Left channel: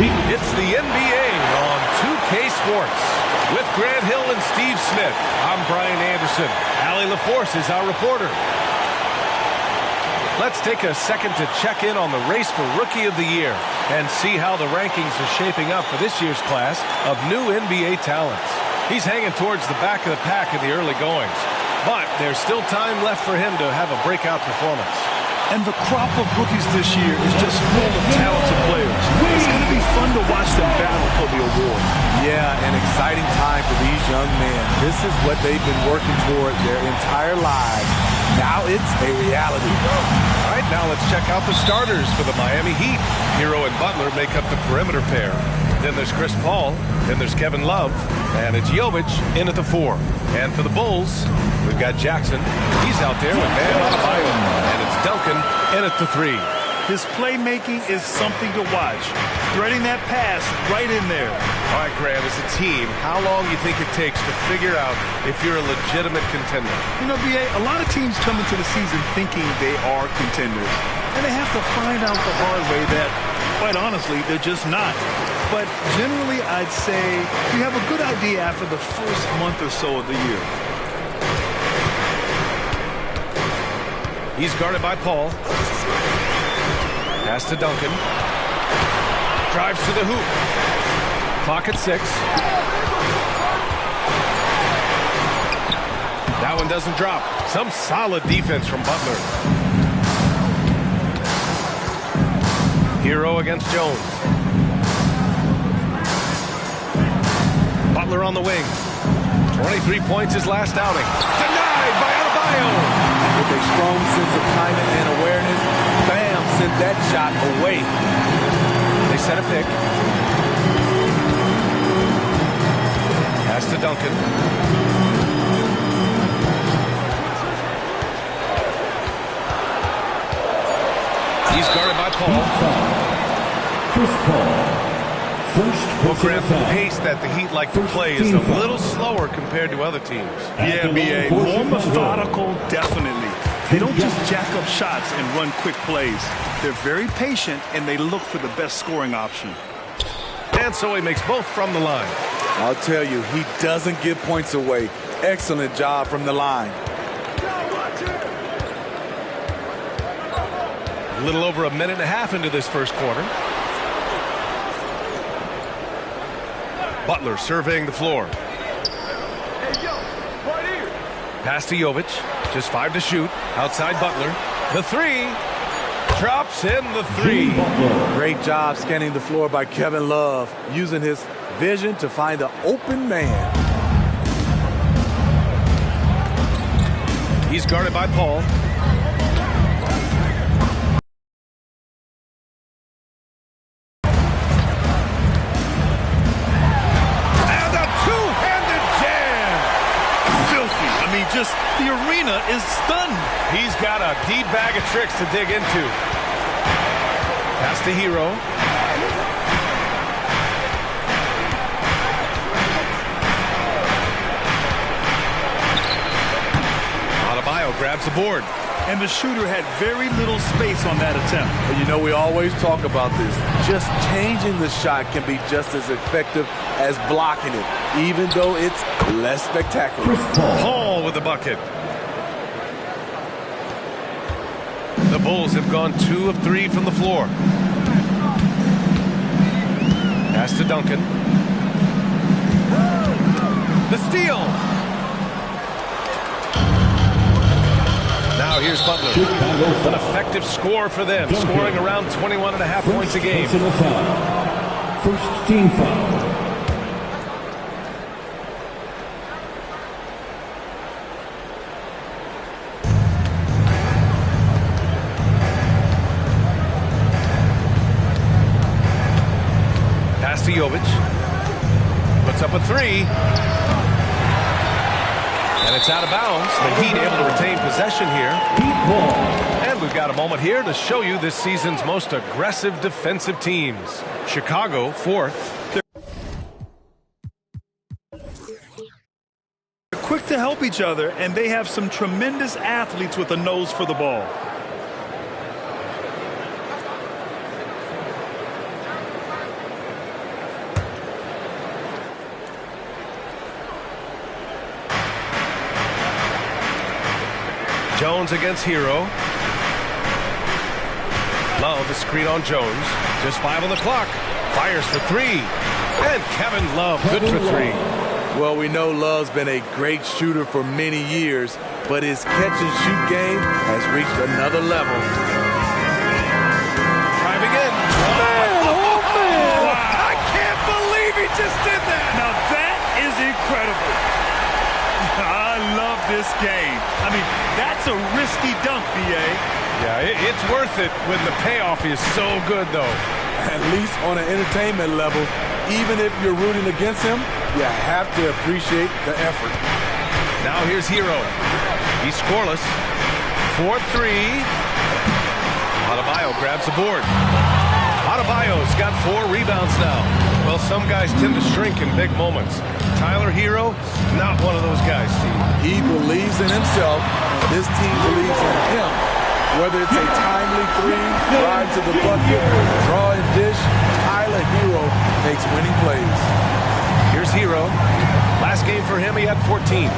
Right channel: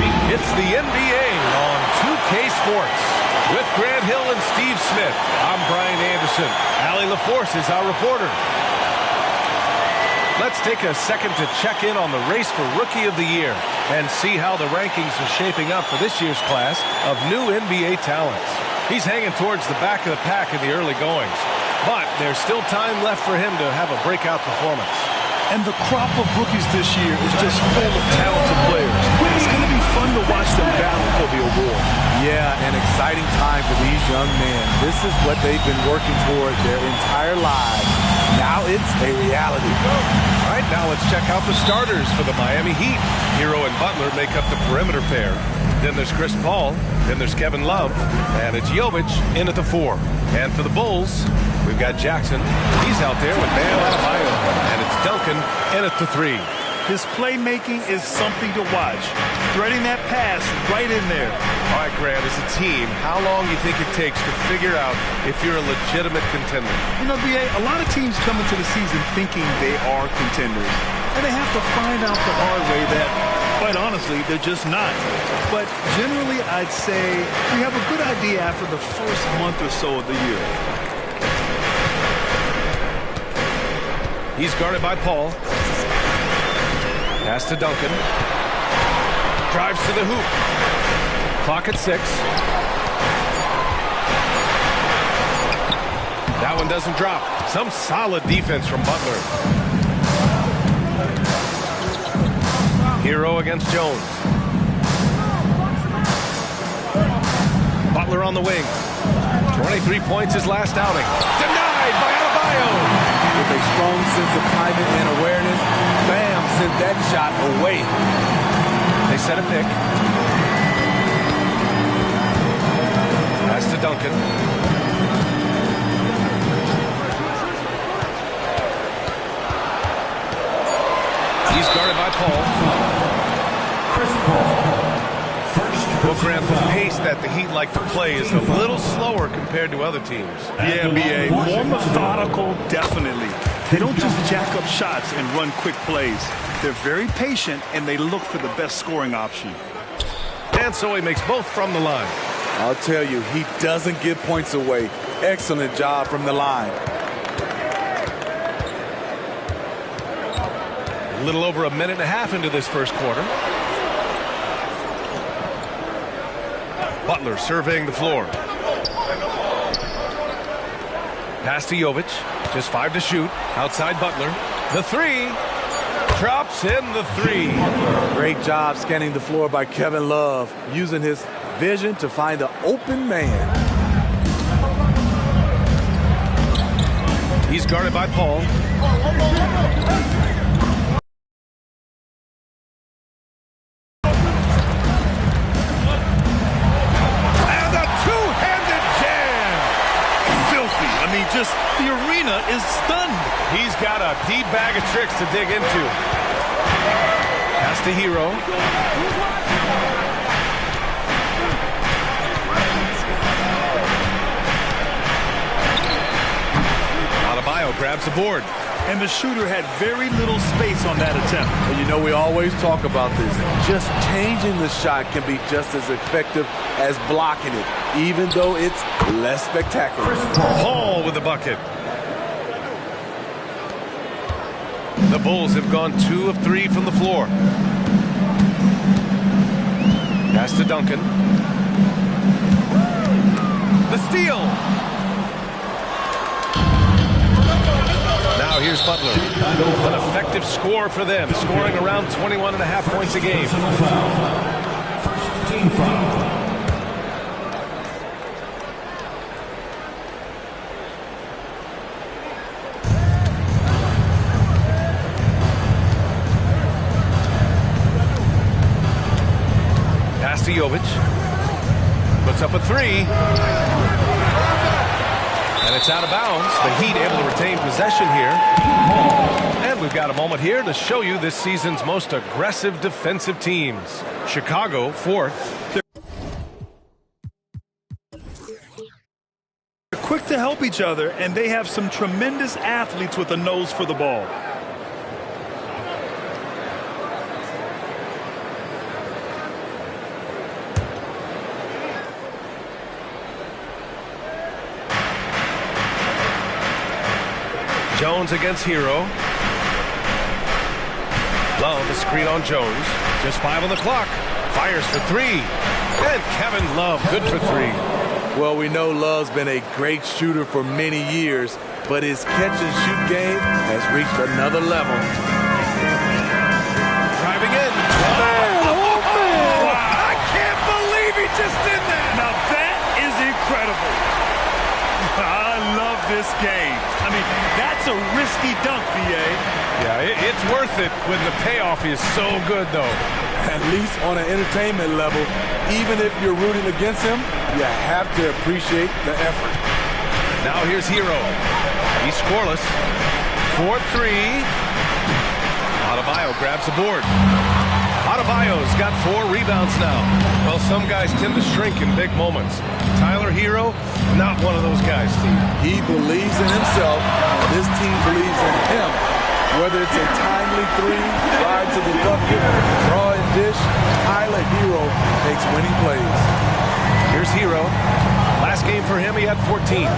It's the NBA on 2K Sports. With Grant Hill and Steve Smith, I'm Brian Anderson. Allie LaForce is our reporter. Let's take a second to check in on the race for Rookie of the Year and see how the rankings are shaping up for this year's class of new NBA talents. He's hanging towards the back of the pack in the early goings, but there's still time left for him to have a breakout performance. And the crop of rookies this year is just full of talented players. It's going to be fun to watch them battle for the award. Yeah, an exciting time for these young men. This is what they've been working toward their entire lives. Now it's a reality. All right, now let's check out the starters for the Miami Heat. Hero and Butler make up the perimeter pair. Then there's Chris Paul. Then there's Kevin Love. And it's Jovic in at the 4. And for the Bulls, we've got Jackson. He's out there with Bam Adebayo. And it's Duncan in at the 3. His playmaking is something to watch. Threading that pass right in there. All right, Grant, as a team, how long do you think it takes to figure out if you're a legitimate contender? You know, B.A., a lot of teams come into the season thinking they are contenders. And they have to find out the hard way that, quite honestly, they're just not. But generally, I'd say you have a good idea after the first month or so of the year. He's guarded by Paul. Pass to Duncan. Drives to the hoop. Clock at 6. That one doesn't drop. Some solid defense from Butler. Hero against Jones. Butler on the wing. 23 points his last outing. Denied by Adebayo. With a strong sense of timing and awareness, Bam sent that shot away. They set a pick. Pass to Duncan. He's guarded by Paul. Chris Paul. Well, Grant, the pace that the Heat like to play is a little slower compared to other teams. Yeah, B.A., more methodical, definitely. They don't just jack up shots and run quick plays. They're very patient, and they look for the best scoring option. And so he makes both from the line. I'll tell you, he doesn't give points away. Excellent job from the line. A little over a minute and a half into this first quarter. Butler surveying the floor. Pass to Jovic. Just 5 to shoot. Outside Butler. The 3. Drops in the 3. Great job scanning the floor by Kevin Love, using his vision to find the open man. He's guarded by Paul. I mean, just the arena is stunned. He's got a deep bag of tricks to dig into. Pass to Hero. Adebayo grabs the board. And the shooter had very little space on that attempt. And you know, we always talk about this. Just changing the shot can be just as effective as blocking it, even though it's less spectacular. Paul with the bucket. The Bulls have gone 2 of 3 from the floor. Pass to Duncan. The steal. Now here's Butler. An effective score for them, scoring around 21.5 points a game. First team foul. Pass to Jovic. Puts up a 3. And it's out of bounds. The Heat able to retain possession here. And we've got a moment here to show you this season's most aggressive defensive teams. Chicago, 4th. They're quick to help each other, and they have some tremendous athletes with a nose for the ball. Jones against Hero. Love, a screen on Jones. Just 5 on the clock. Fires for 3. And Kevin Love, good for 3. Well, we know Love's been a great shooter for many years, but his catch-and-shoot game has reached another level. Driving in. Oh, man. Wow. I can't believe he just did that. Now that is incredible. I love this game. I mean, that's a risky dunk, B.A. Yeah, it's worth it when the payoff is so good, though. At least on an entertainment level, even if you're rooting against him, you have to appreciate the effort. Now here's Hero. He's scoreless. 4-3. Adebayo grabs the board. Adebayo's got 4 rebounds now. Well, some guys tend to shrink in big moments. Tyler Hero, not one of those guys, Steve. He believes in himself, and this team believes in him. Whether it's a timely 3, drive to the bucket, draw and dish, Tyler Hero makes winning plays. Here's Hero. Last game for him, he had 14.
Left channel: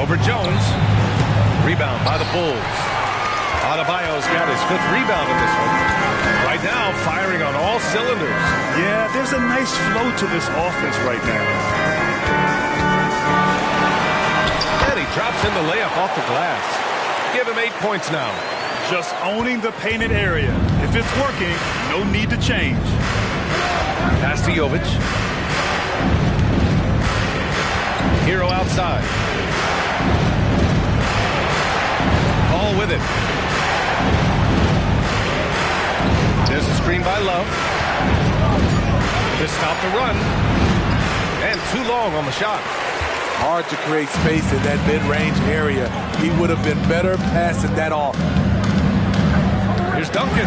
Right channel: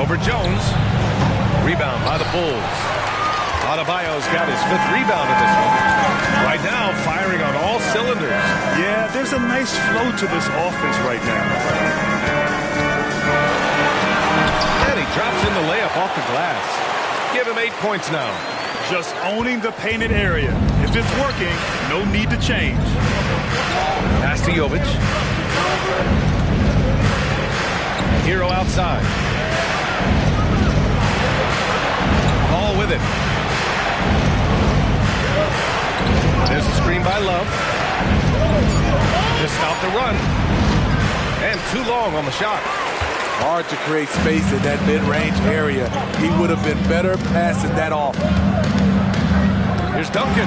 Over Jones. Rebound by the Bulls. Adebayo's got his 5th rebound in this one. Right now, firing on all cylinders. Yeah, there's a nice flow to this offense right now. And he drops in the layup off the glass. Give him 8 points now. Just owning the painted area. If it's working, no need to change. Pass to Jovic. Hero outside. Ball with it. There's a screen by Love to stop the run. And too long on the shot. Hard to create space in that mid-range area. He would have been better passing that off. Here's Duncan.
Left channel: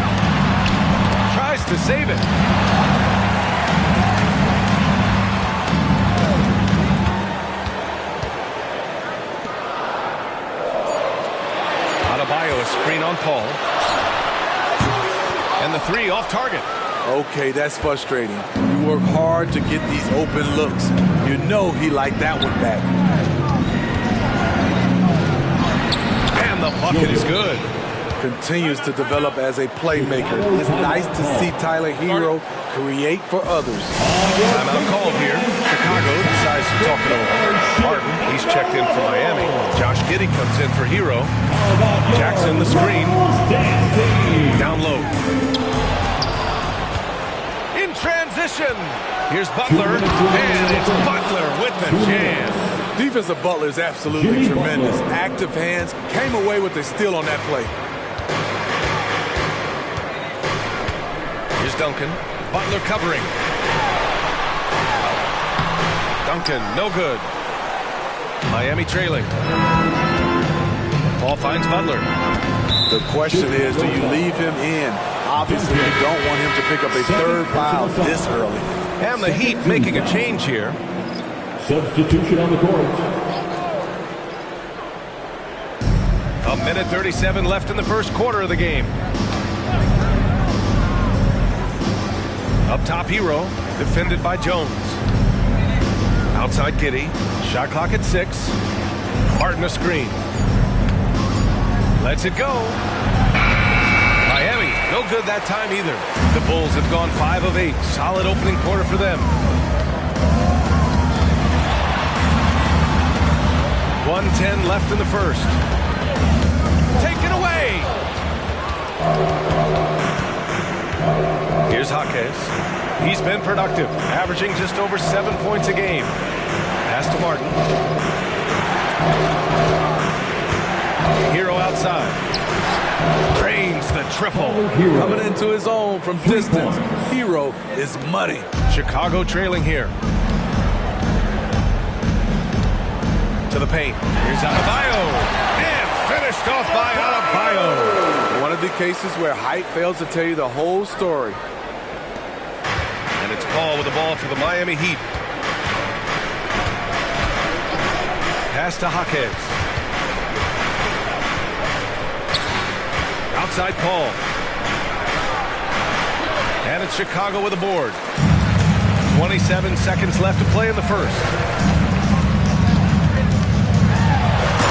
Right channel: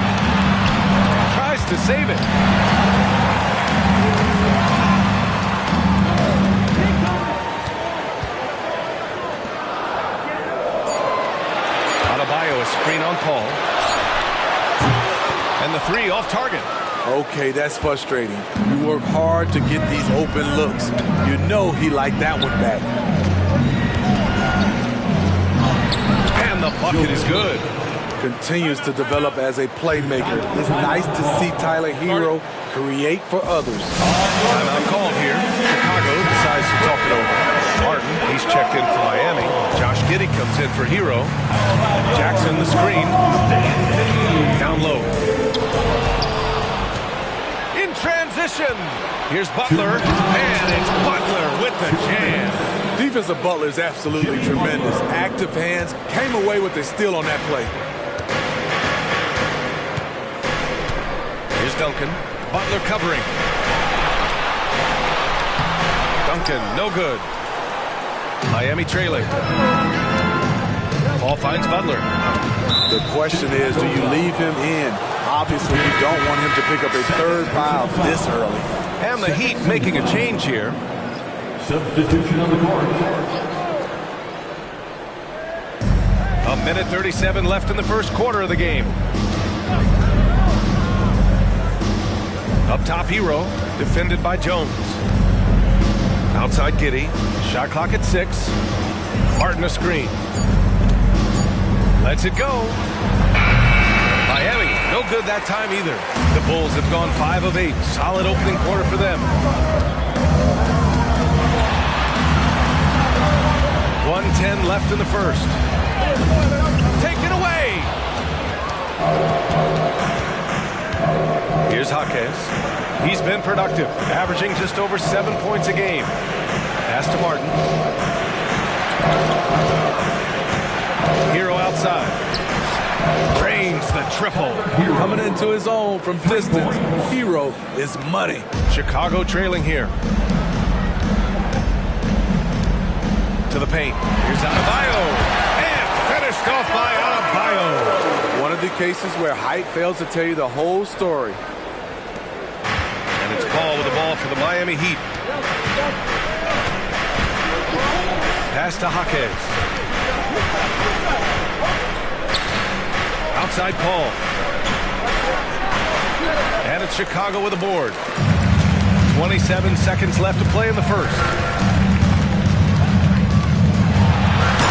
Tries to save it. Adebayo, a screen on Paul. And the 3 off target. Okay, that's frustrating. You work hard to get these open looks. You know he liked that one back. And the bucket is good. Continues to develop as a playmaker. It's nice to see Tyler Hero create for others. Timeout called here. Chicago decides to talk it over. Martin, he's checked in for Miami. Josh Giddey comes in for Hero. Jackson, the screen. Down low. In transition. Here's Butler. And it's Butler with the jam. Defense of Butler is absolutely tremendous. Active hands, came away with a steal on that play. Here's Duncan. Butler covering. Duncan, no good. Miami trailing. Paul finds Butler. The question is, do you leave him in? Obviously, you don't want him to pick up a 3rd foul this early. And the Heat making a change here. Substitution on the court. A minute 37 left in the first quarter of the game. Up top, Hero, defended by Jones. Outside Giddey, shot clock at 6. Martin a screen. Lets it go. Miami, no good that time either. The Bulls have gone 5 of 8. Solid opening quarter for them. 1:10 left in the first. Taken away. Here's Jaquez. He's been productive, averaging just over 7 points a game. Pass to Martin. Hero outside. Drains the triple. Coming into his own from distance. Hero is money. Chicago trailing here. To the paint. Here's Adebayo. And finished off by Adebayo. One of the cases where height fails to tell you the whole story. And it's Paul with the ball for the Miami Heat. Pass to Jaquez. Outside Paul. And it's Chicago with the board. 27 seconds left to play in the first.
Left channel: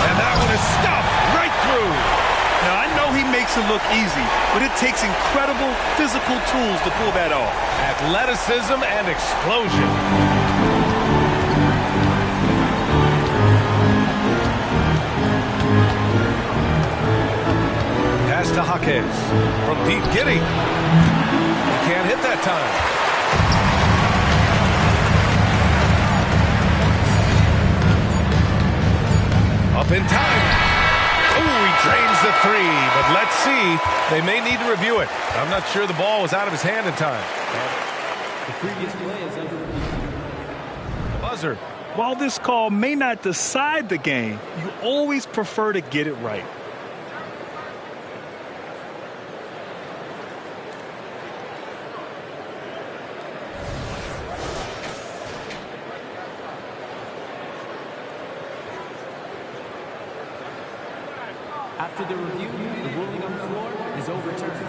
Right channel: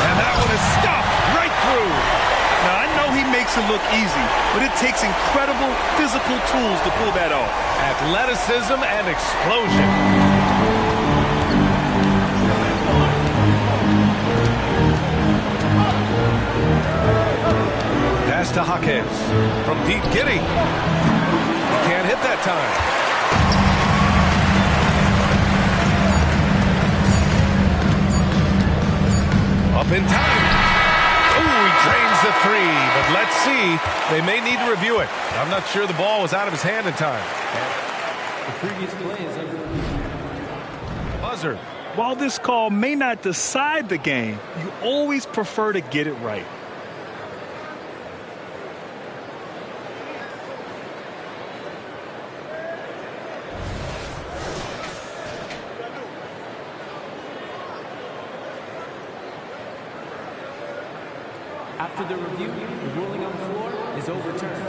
And that one is stuffed right through. Now, I know he makes it look easy, but it takes incredible physical tools to pull that off. Athleticism and explosion. Pass to Jaquez. From deep, Giddy. He can't hit that time. Up in time. Ooh, he drains the three, but let's see. They may need to review it. I'm not sure the ball was out of his hand in time. The previous play is under review. The buzzer. While this call may not decide the game, you always prefer to get it right. After the review, the ruling on the floor is overturned.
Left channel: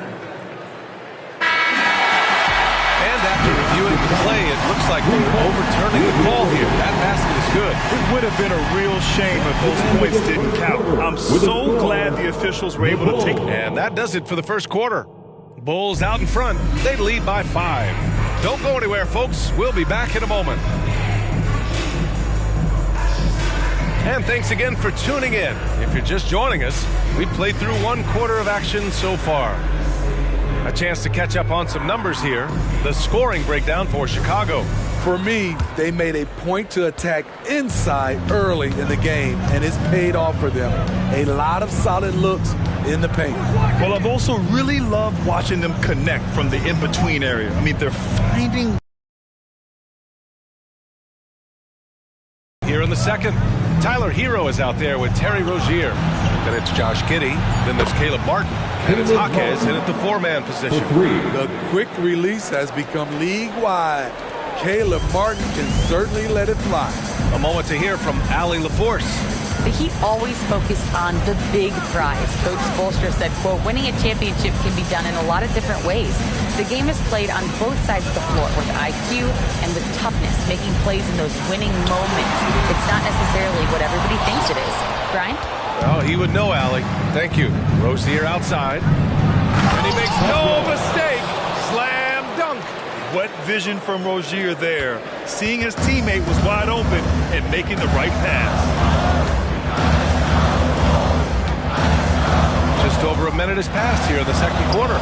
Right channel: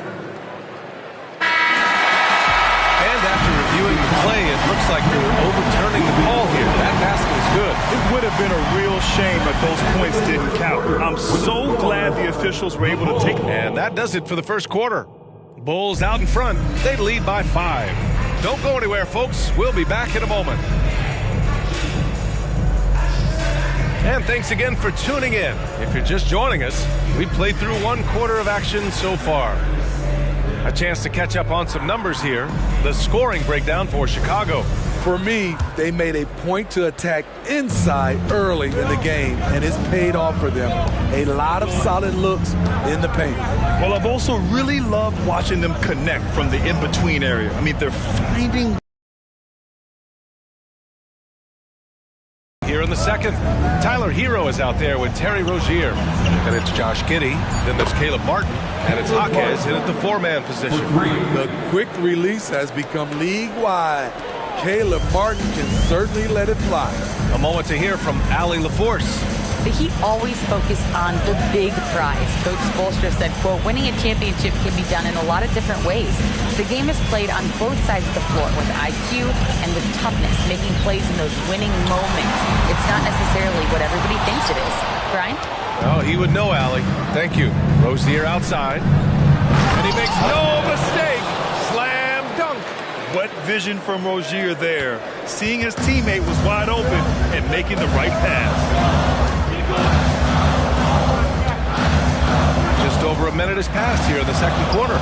And after reviewing the play, it looks like they're overturning the call here. That basket is good. It would have been a real shame if those points didn't count. I'm so glad the officials were able to take. And that does it for the first quarter. Bulls out in front. They lead by 5. Don't go anywhere, folks. We'll be back in a moment. And thanks again for tuning in. If you're just joining us, we've played through 1 quarter of action so far. A chance to catch up on some numbers here. The scoring breakdown for Chicago. For me, they made a point to attack inside early in the game, and it's paid off for them. A lot of solid looks in the paint. Well, I've also really loved watching them connect from the in-between area. I mean, they're finding. Here in the second, Tyler Hero is out there with Terry Rozier. Then it's Josh Giddey. Then there's Caleb Martin. And it's Jaquez in at the 4-man position. The quick release has become league-wide. Caleb Martin can certainly let it fly. A moment to hear from Allie LaForce. The Heat always focus on the big prize. Coach Spoelstra said, quote, winning a championship can be done in a lot of different ways. The game is played on both sides of the floor with IQ and with toughness, making plays in those winning moments. It's not necessarily what everybody thinks it is. Brian? Oh, he would know, Allie. Thank you. Rozier outside. And he makes no mistake. Slam dunk. What vision from Rozier there. Seeing his teammate was wide open and making the right pass. Just over a minute has passed here in the second quarter.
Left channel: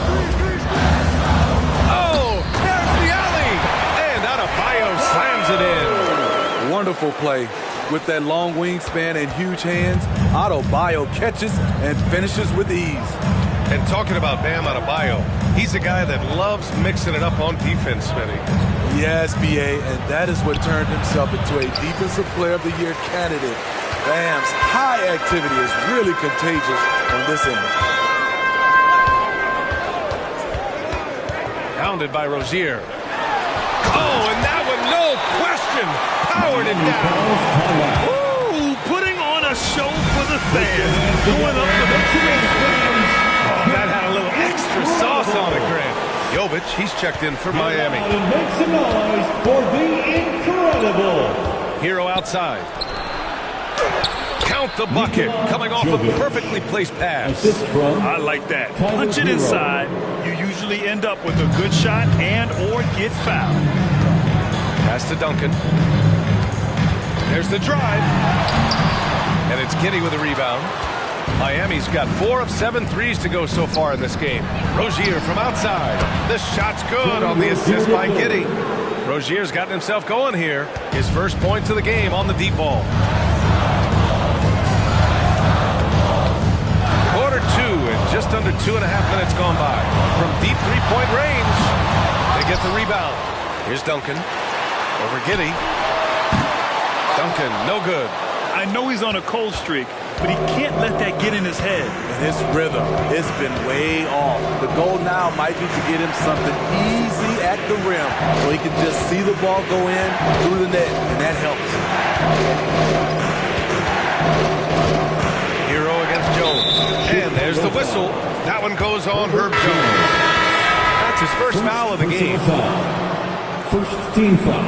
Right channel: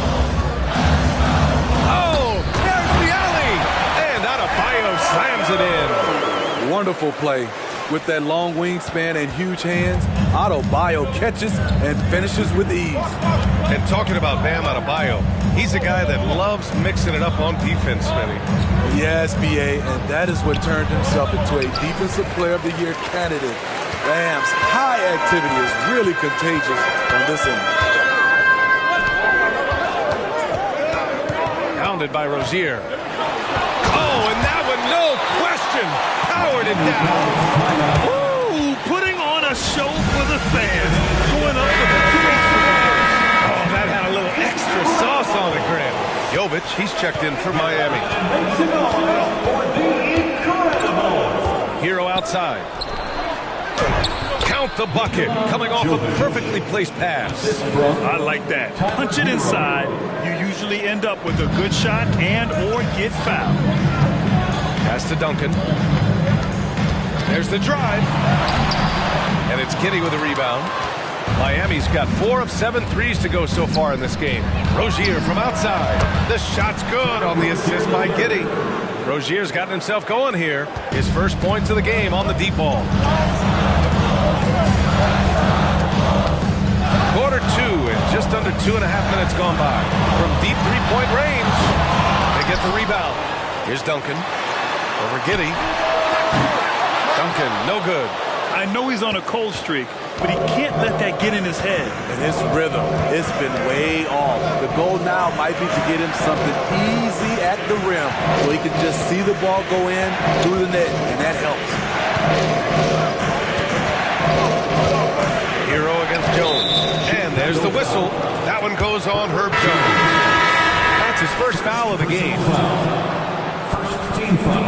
Oh, there's the alley. And Adebayo slams it in. Wonderful play. With that long wingspan and huge hands, Adebayo catches and finishes with ease. And talking about Bam Adebayo, he's a guy that loves mixing it up on defense, Smitty. Yes, B.A., and that is what turned himself into a Defensive Player of the Year candidate. Bam's high activity is really contagious on this end. Pounded by Rozier. Oh, and that one, no question, powered it down. Ooh, putting on a show for the fans. Going up for the Clippers. Oh, that had a little extra sauce on it, Grant. Jovic, he's checked in for Miami. Make some noise for the incredible. Hero outside. Count the bucket, coming off a perfectly placed pass. I like that. Punch it inside. You usually end up with a good shot and or get fouled. Pass to Duncan. There's the drive. And it's Giddey with a rebound. Miami's got 4 of 7 threes to go so far in this game. Rozier from outside. The shot's good on the assist by Giddey. Rozier's gotten himself going here. His first points of the game on the deep ball. Quarter 2 and just under 2.5 minutes gone by. From deep three-point range, they get the rebound. Here's Duncan. Over Giddey. Duncan, no good. I know he's on a cold streak, but he can't let that get in his head. And his rhythm, it's been way off. The goal now might be to get him something easy at the rim so he can just see the ball go in through the net, and that helps. Hero against Jones. And there's the whistle. That one goes on Herb Jones. That's his first foul of the game. First team foul.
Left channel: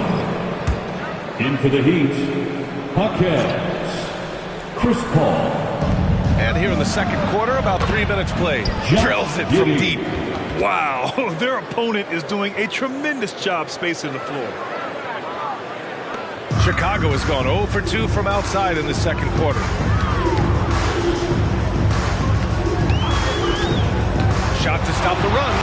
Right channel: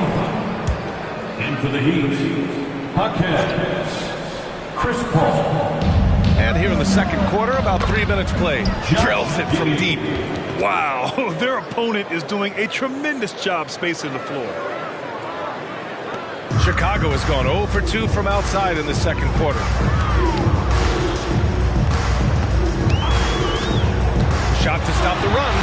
In for the Heat, Jaquez, Chris Paul. And here in the second quarter, about 3 minutes played. Drills it from deep. Wow, their opponent is doing a tremendous job spacing the floor. Chicago has gone 0 for 2 from outside in the second quarter. Shot to stop the runs.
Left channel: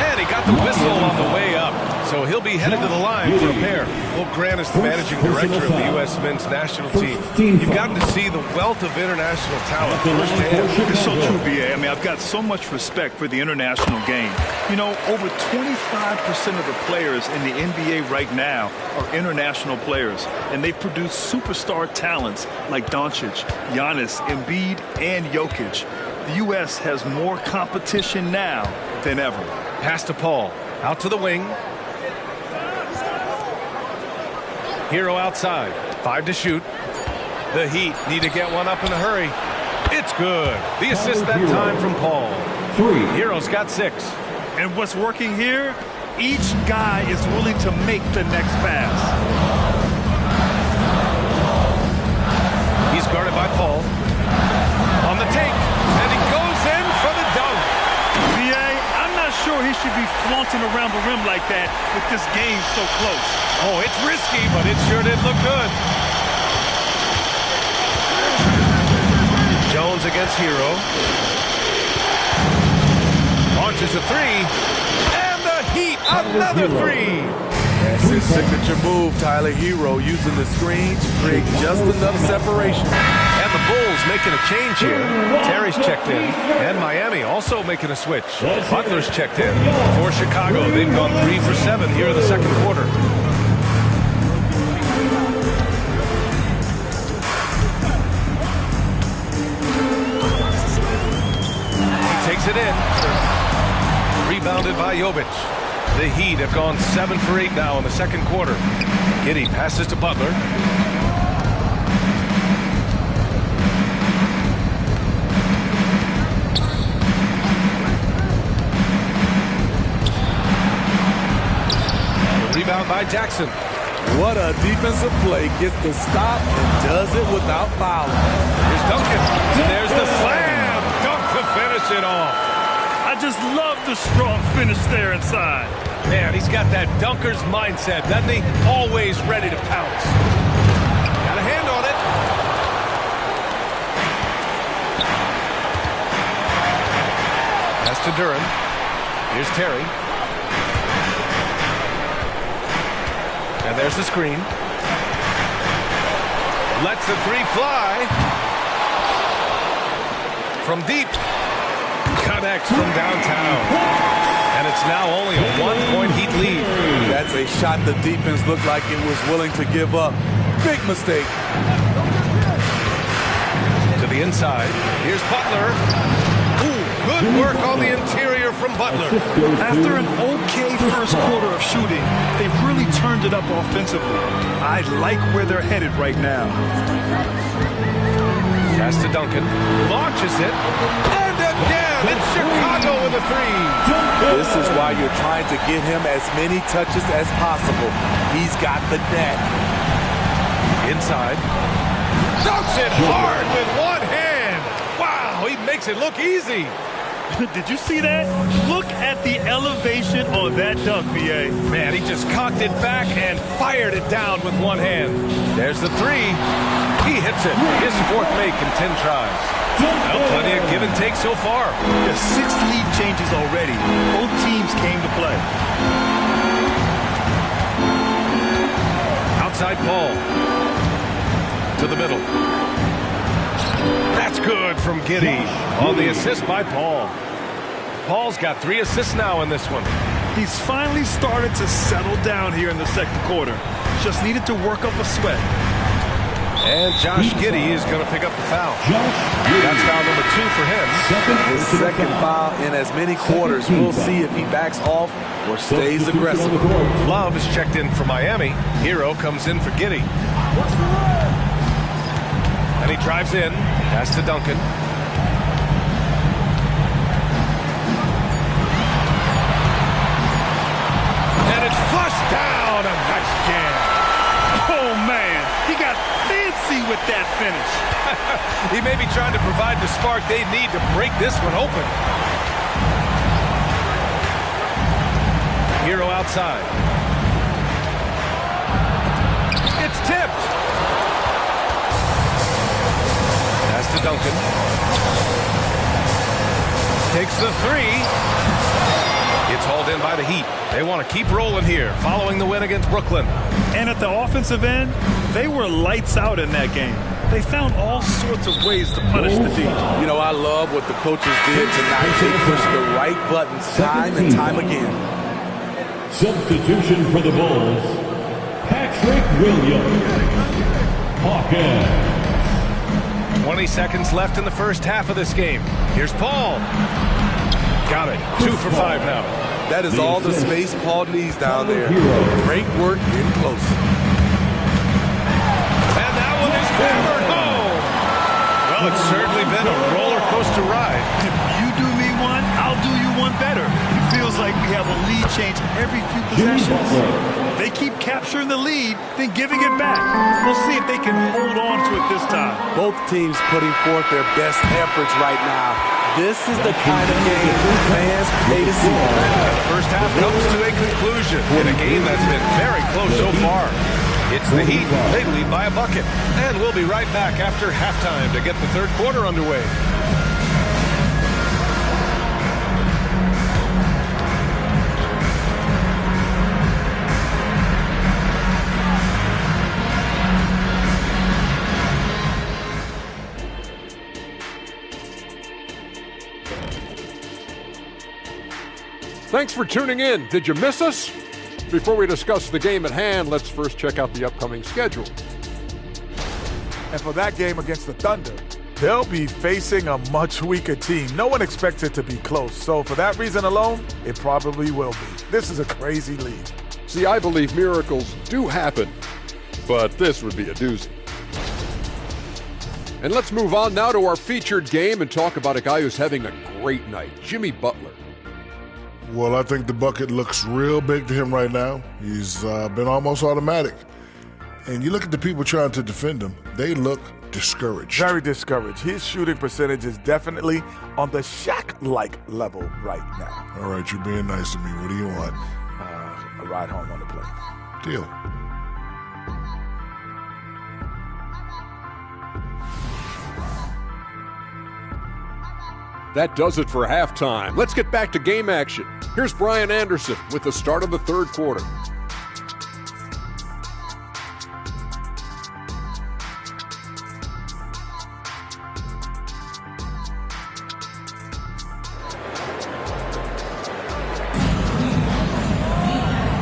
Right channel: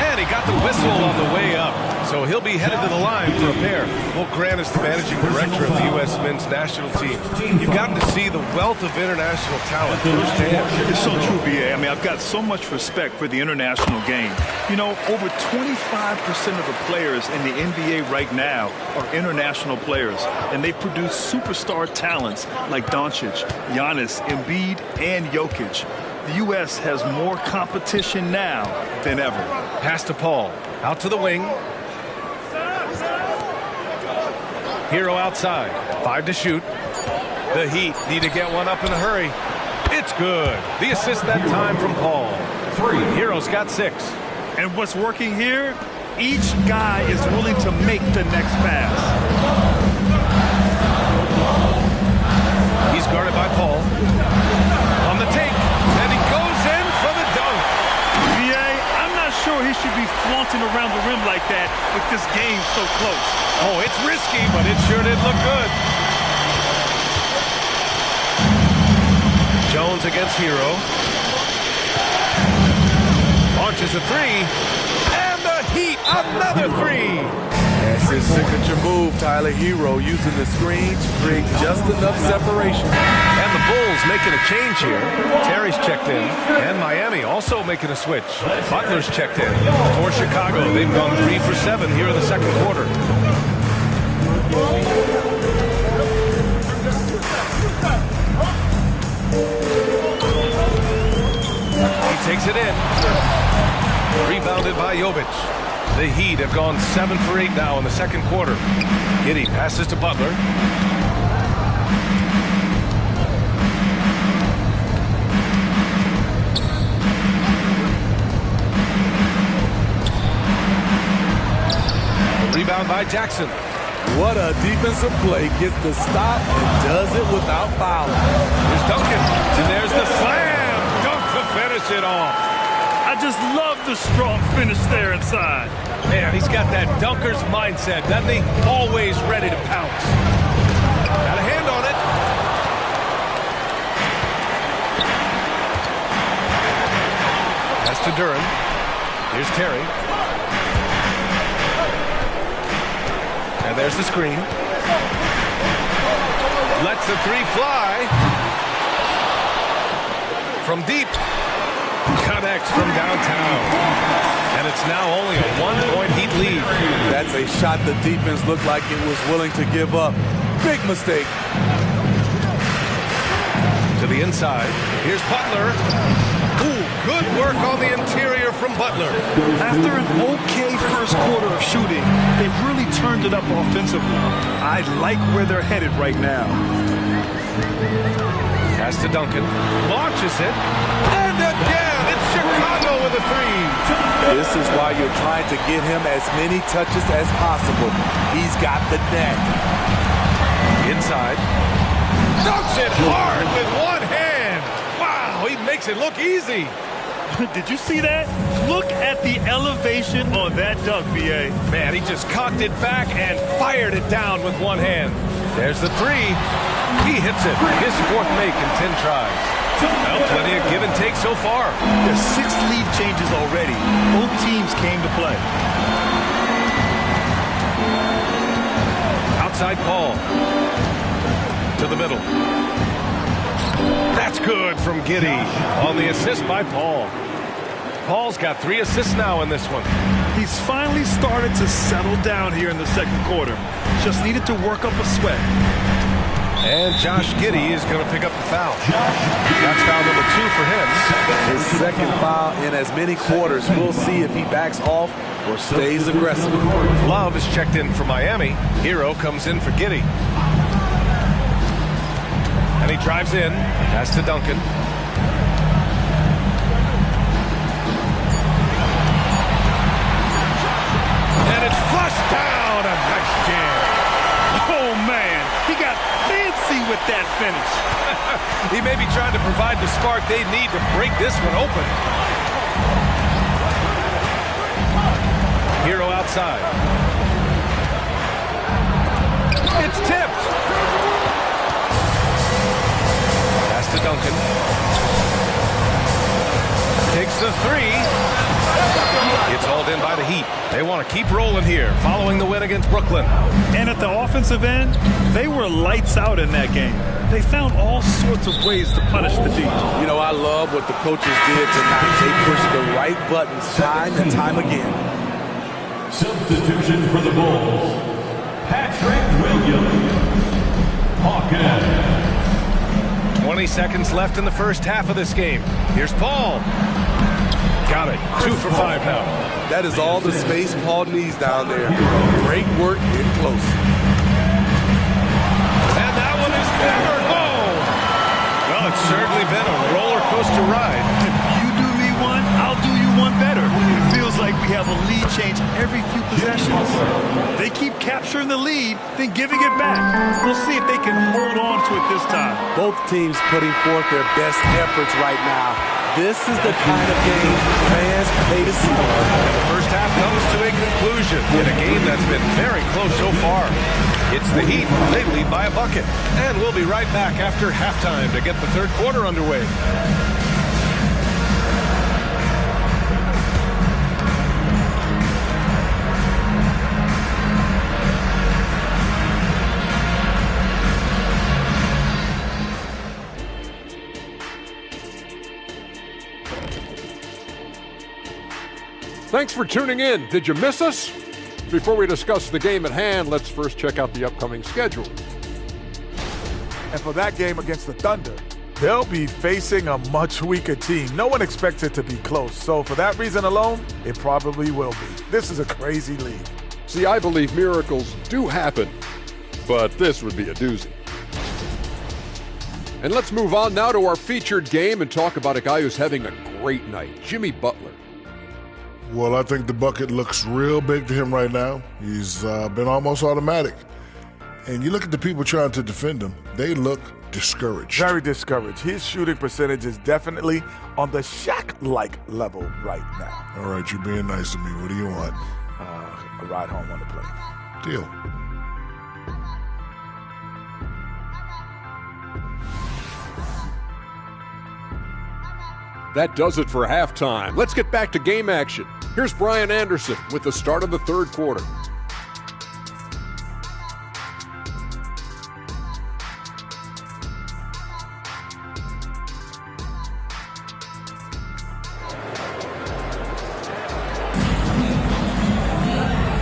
And he got the whistle on the way up. So he'll be headed to the line for a pair. Well, Grant is the managing director of the U.S. men's national team. You've gotten to see the wealth of international talent firsthand. It's so true, B.A. I mean, I've got so much respect for the international game. You know, over 25% of the players in the NBA right now are international players. And they've produced superstar talents like Doncic, Giannis, Embiid, and Jokic. The U.S. has more competition now than ever. Pass to Paul. Out to the wing. Hero outside. 5 to shoot. The Heat need to get one up in a hurry. It's good. The assist that time from Paul. Hero's got 6. And what's working here? Each guy is willing to make the next pass. He's guarded by Paul. On the take. And he goes in for the dunk. B.A., I'm not sure he should be flaunting around the rim like that with this game so close. Oh, it's risky, but it sure did look good. Jones against Hero. Launches a 3. And the Heat, another 3. That's his signature move, Tyler. Hero using the screen to create just enough separation. And the Bulls making a change here. Terry's checked in. And Miami also making a switch. Butler's checked in. For Chicago, they've gone 3 for 7 here in the second quarter. He takes it in. Rebounded by Jovic. The Heat have gone 7 for 8 now in the second quarter. Giddey passes to Butler. The rebound by Jackson. What a defensive play. Gets the stop and does it without fouling. Here's Duncan. And there's the slam. Dunk to finish it off. I just love the strong finish there inside. Man, he's got that dunker's mindset, doesn't he? Always ready to pounce. Got a hand on it. Pass to Duran. Here's Terry. And there's the screen. Lets the 3 fly. From deep. Connects from downtown. And it's now only a 1-point Heat lead. That's a shot the defense looked like it was willing to give up. Big mistake. To the inside. Here's Butler. Ooh, good work on the interior from Butler. After an okay first quarter of shooting, they've really turned it up offensively. I like where they're headed right now. Pass to Duncan. Launches it. And again, it's Chicago with a 3. This is why you're trying to get him as many touches as possible. He's got the neck. Inside. Dunks it hard with one hand. Wow, he makes it look easy. Did you see that? Look at the elevation on that dunk, B.A. Man, he just cocked it back and fired it down with one hand. There's the 3. He hits it. His 4th make in 10 tries. Well, plenty of give and take so far. There's 6 lead changes already. Both teams came to play. Outside Paul. To the middle. That's good from Giddey on the assist by Paul. Paul's got 3 assists now in this one. He's finally started to settle down here in the second quarter. Just needed to work up a sweat. And Josh Giddey is going to pick up the foul. That's foul number 2 for him. His second foul in as many quarters. We'll see if he backs off or stays aggressive. Love is checked in for Miami. Hero comes in for Giddey. And he drives in. Pass to Duncan. And it's flushed down. A nice jam. Oh, man, he got fancy with that finish. He may be trying to provide the spark they need to break this one open. Hero outside. It's tipped. Pass to Duncan. Takes the three. It's hauled in by the Heat. They want to keep rolling here, following the win against Brooklyn. And at the offensive end, they were lights out in that game. They found all sorts of ways to punish the D. You know, I love what the coaches did tonight. They pushed the right buttons time and time again. Substitution for the Bulls, Patrick Williams. Hawkins. 20 seconds left in the first half of this game. Here's Paul. Got it. 2 for 5 now. That is all the space Paul needs down there. Great work in close. And that one is hammered home. Well, it's certainly been a roller coaster ride. If you do me one, I'll do you one better. It feels like we have a lead change every few possessions. They keep capturing the lead, then giving it back. We'll see if they can hold on to it this time. Both teams putting forth their best efforts right now. This is the kind of game fans pay to see. And the first half comes to a conclusion in a game that's been very close so far. It's the Heat. They lead by a bucket. And we'll be right back after halftime to get the third quarter underway. Thanks for tuning in. Did you miss us? Before we discuss the game at hand, let's first check out the upcoming schedule. And for that game against the Thunder, they'll be facing a much weaker team. No one expects it to be close. So for that reason alone, it probably will be. This is a crazy league. See, I believe miracles do happen, but this would be a doozy. And let's move on now to our featured game and talk about a guy who's having a great night, Jimmy Butler. Well, I think the bucket looks real big to him right now. He's been almost automatic. And you look at the people trying to defend him, they look discouraged. Very discouraged. His shooting percentage is definitely on the Shaq-like level right now. All right, you're being nice to me. What do you want? A ride home on the plane. Deal. That does it for halftime. Let's get back to game action. Here's Brian Anderson with the start of the third quarter.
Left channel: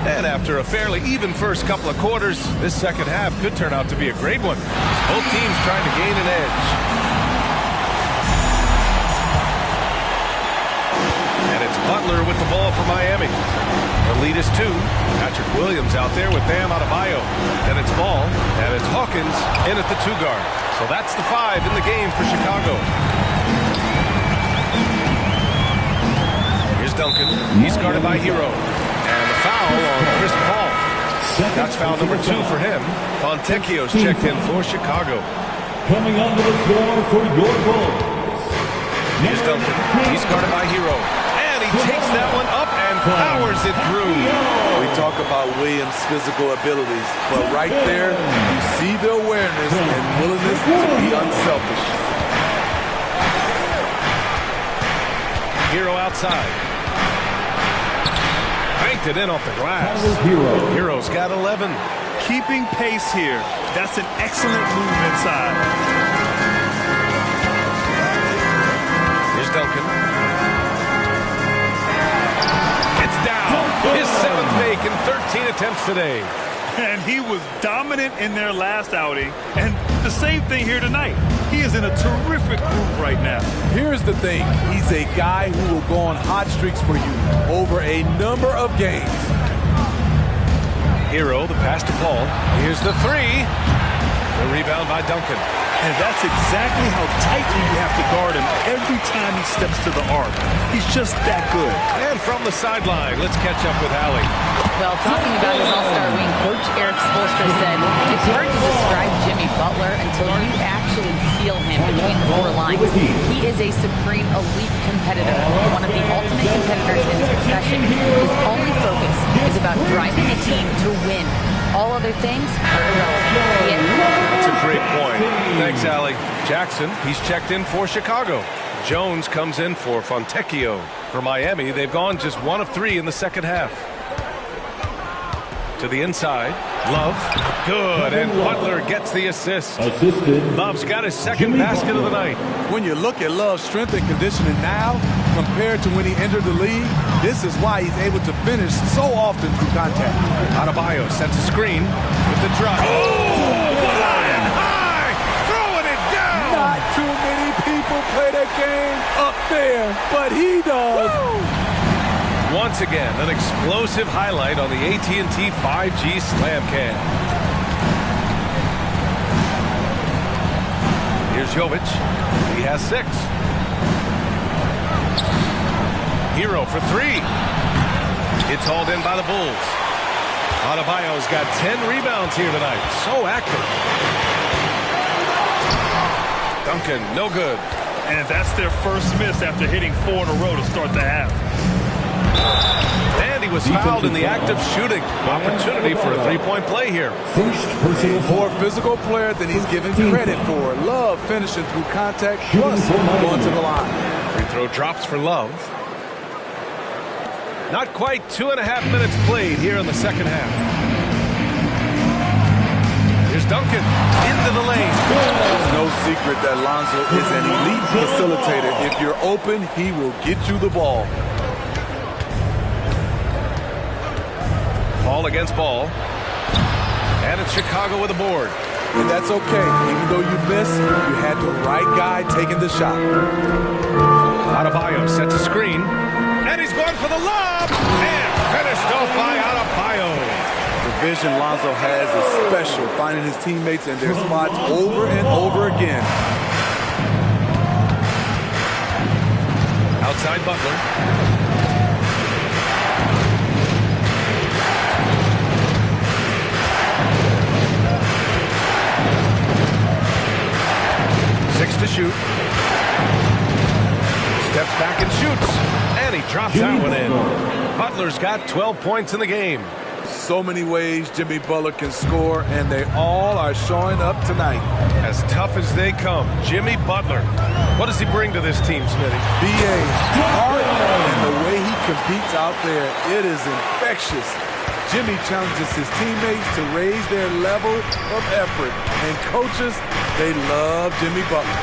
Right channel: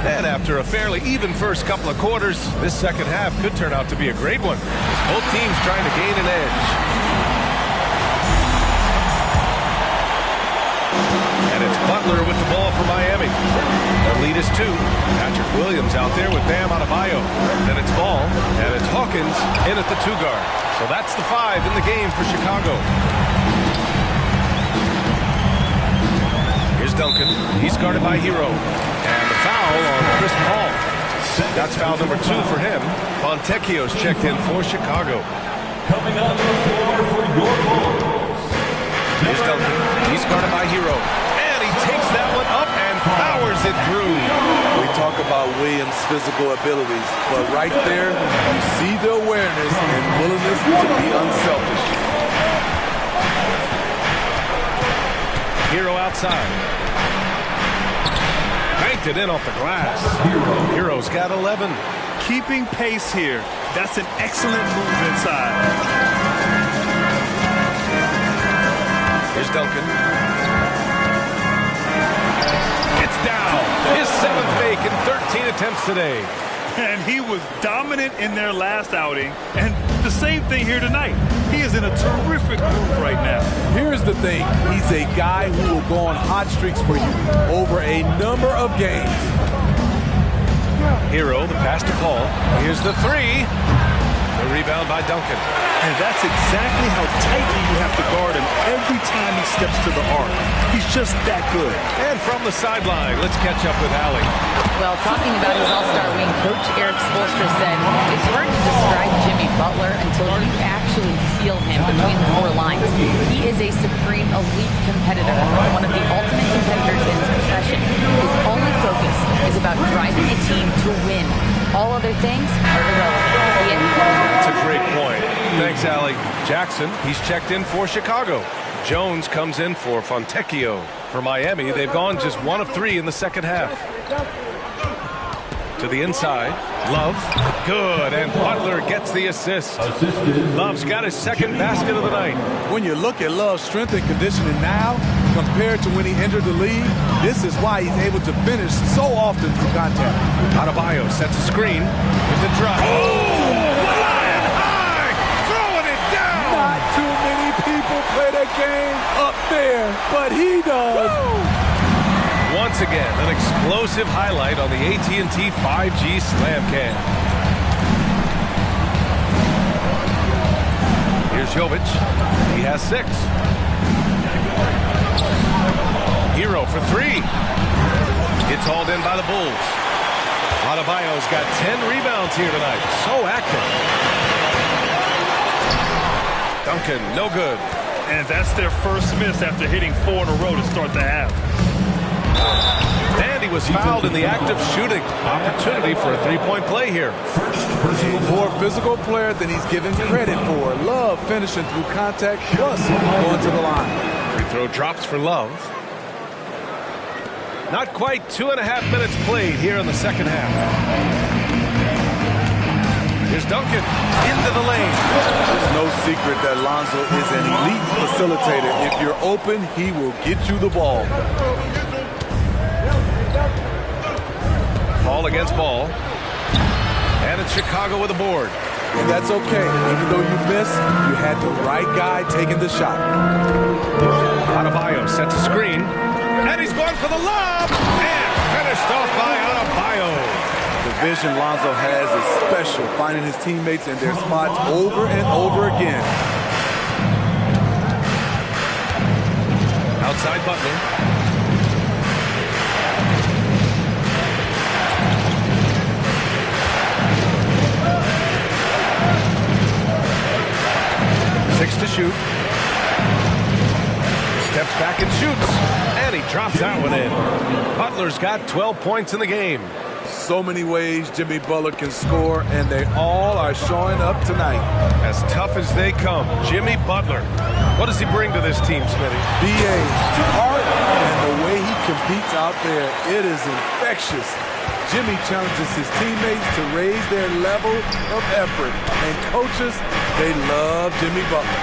And after a fairly even first couple of quarters, this second half could turn out to be a great one, as both teams trying to gain an edge. And it's Butler with the ball for Miami. The lead is 2. Patrick Williams out there with Bam Adebayo. Then it's Ball, and it's Hawkins in at the 2 guard. So that's the 5 in the game for Chicago. Here's Duncan. He's guarded by Hero. And the foul on Chris Paul. That's foul number 2 for him. Fontecchio's checked in for Chicago. Coming onto the floor for your Bulls. Here's Duncan. He's guarded by Hero. And he takes that one up and powers it through. We talk about Williams' physical abilities, but right there, you see the awareness and willingness to be unselfish. Hero outside. Banked it in off the glass. Hero's got 11. Keeping pace here. That's an excellent move inside. Here's Duncan. It's down. His 7th make in 13 attempts today. And he was dominant in their last outing. And the same thing here tonight. He is in a terrific groove right now. Here's the thing. He's a guy who will go on hot streaks for you over a number of games. Hero, the pass to Paul. Here's the 3. The rebound by Duncan. And that's exactly how tightly you have to guard him every time he steps to the arc. He's just that good. And from the sideline, let's catch up with Allie. Well, talking about his all-star wing, Coach Eric Spoelstra said, it's hard to describe Jimmy Butler until you actually feel him between the four lines. He is a supreme elite competitor, one of the ultimate competitors in his profession. His only focus is about driving a team to win. All other things are irrelevant. That's a great point. Thanks, Allie. Jackson, he's checked in for Chicago. Jones comes in for Fontecchio. For Miami, they've gone just 1 of 3 in the second half. To the inside, Love, good, and Butler gets the assist. Love's got his second basket of the night. When you look at Love's strength and conditioning now compared to when he entered the league, this is why he's able to finish so often through contact. Adebayo sets a screen with the drive. Oh, flying high, throwing it down. Not too many people play that game up there, but he does. Woo! Once again, an explosive highlight on the AT&T 5G Slam Cam. Here's Jovic. He has 6. Hero for 3. It's hauled in by the Bulls. Adebayo's got 10 rebounds here tonight. So active. Duncan, no good. And that's their first miss after hitting 4 in a row to start the half. And he was fouled in the act of shooting. Opportunity for a three-point play here. A more physical player than he's given credit for. Love finishing through contact plus going to the line. Free throw drops for Love. Not quite 2.5 minutes played here in the second half. Here's Duncan into the lane. There's no secret that Lonzo is an elite facilitator. If you're open, he will get you the ball. Ball against ball. And it's Chicago with a board. And that's okay. Even though you miss, you had the right guy taking the shot. Adebayo sets a screen. And he's going for the lob. And finished off by Adebayo. The vision Lonzo has is special, finding his teammates in their spots over and over again. Outside Butler. Six to shoot. Steps back and shoots. And he drops that one in. Butler's got 12 points in the game. So many ways Jimmy Butler can score, and they all are showing up tonight. As tough as they come, Jimmy Butler. What does he bring to this team, Smitty? B.A. heart and the way he competes out there, it is infectious. Jimmy challenges his teammates to raise their level of effort. And coaches, they love Jimmy Butler.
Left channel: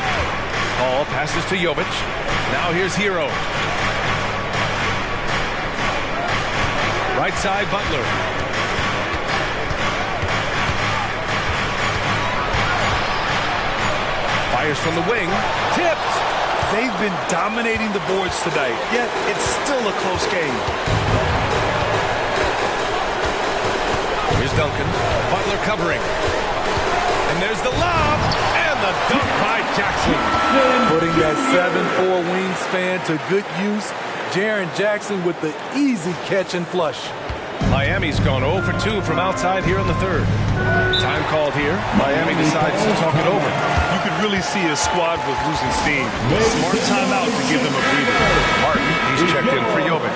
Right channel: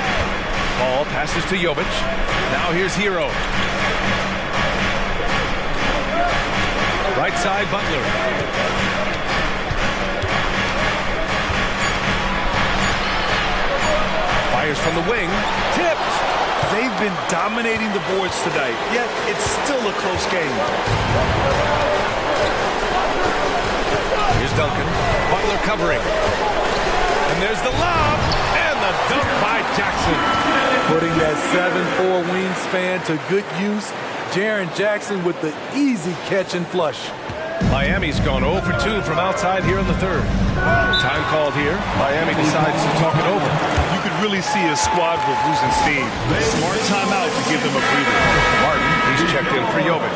Paul passes to Jovic. Now here's Hero. Right side, Butler. Fires from the wing. Tipped. They've been dominating the boards tonight, yet it's still a close game. Here's Duncan. Butler covering. And there's the lob. And the dunk by Jackson. Putting that 7'4" wingspan to good use. Jaren Jackson with the easy catch and flush. Miami's gone 0 for 2 from outside here in the third. Time called here. Miami decides to talk it over. You could really see his squad was losing steam. Smart timeout to give them a breather. Martin, he's checked in for Jovic.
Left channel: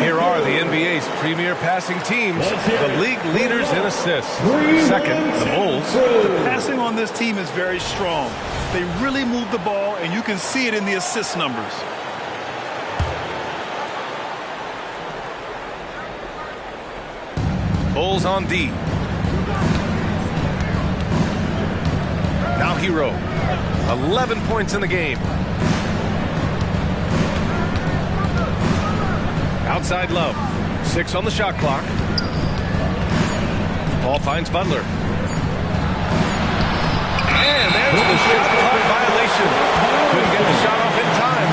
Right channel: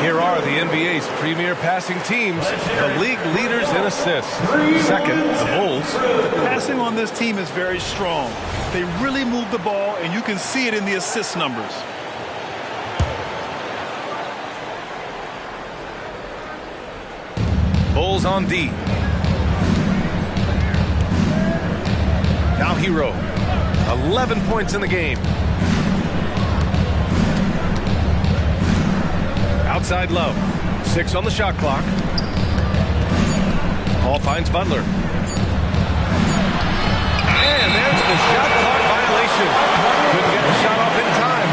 Here are the NBA's premier passing teams, the league leaders in assists. Second, the Bulls. The passing on this team is very strong. They really move the ball, and you can see it in the assist numbers. Bulls on D. Now Hero. 11 points in the game. Outside Love. 6 on the shot clock. Paul finds Butler. And there's the shot clock violation. Couldn't get the shot off in time.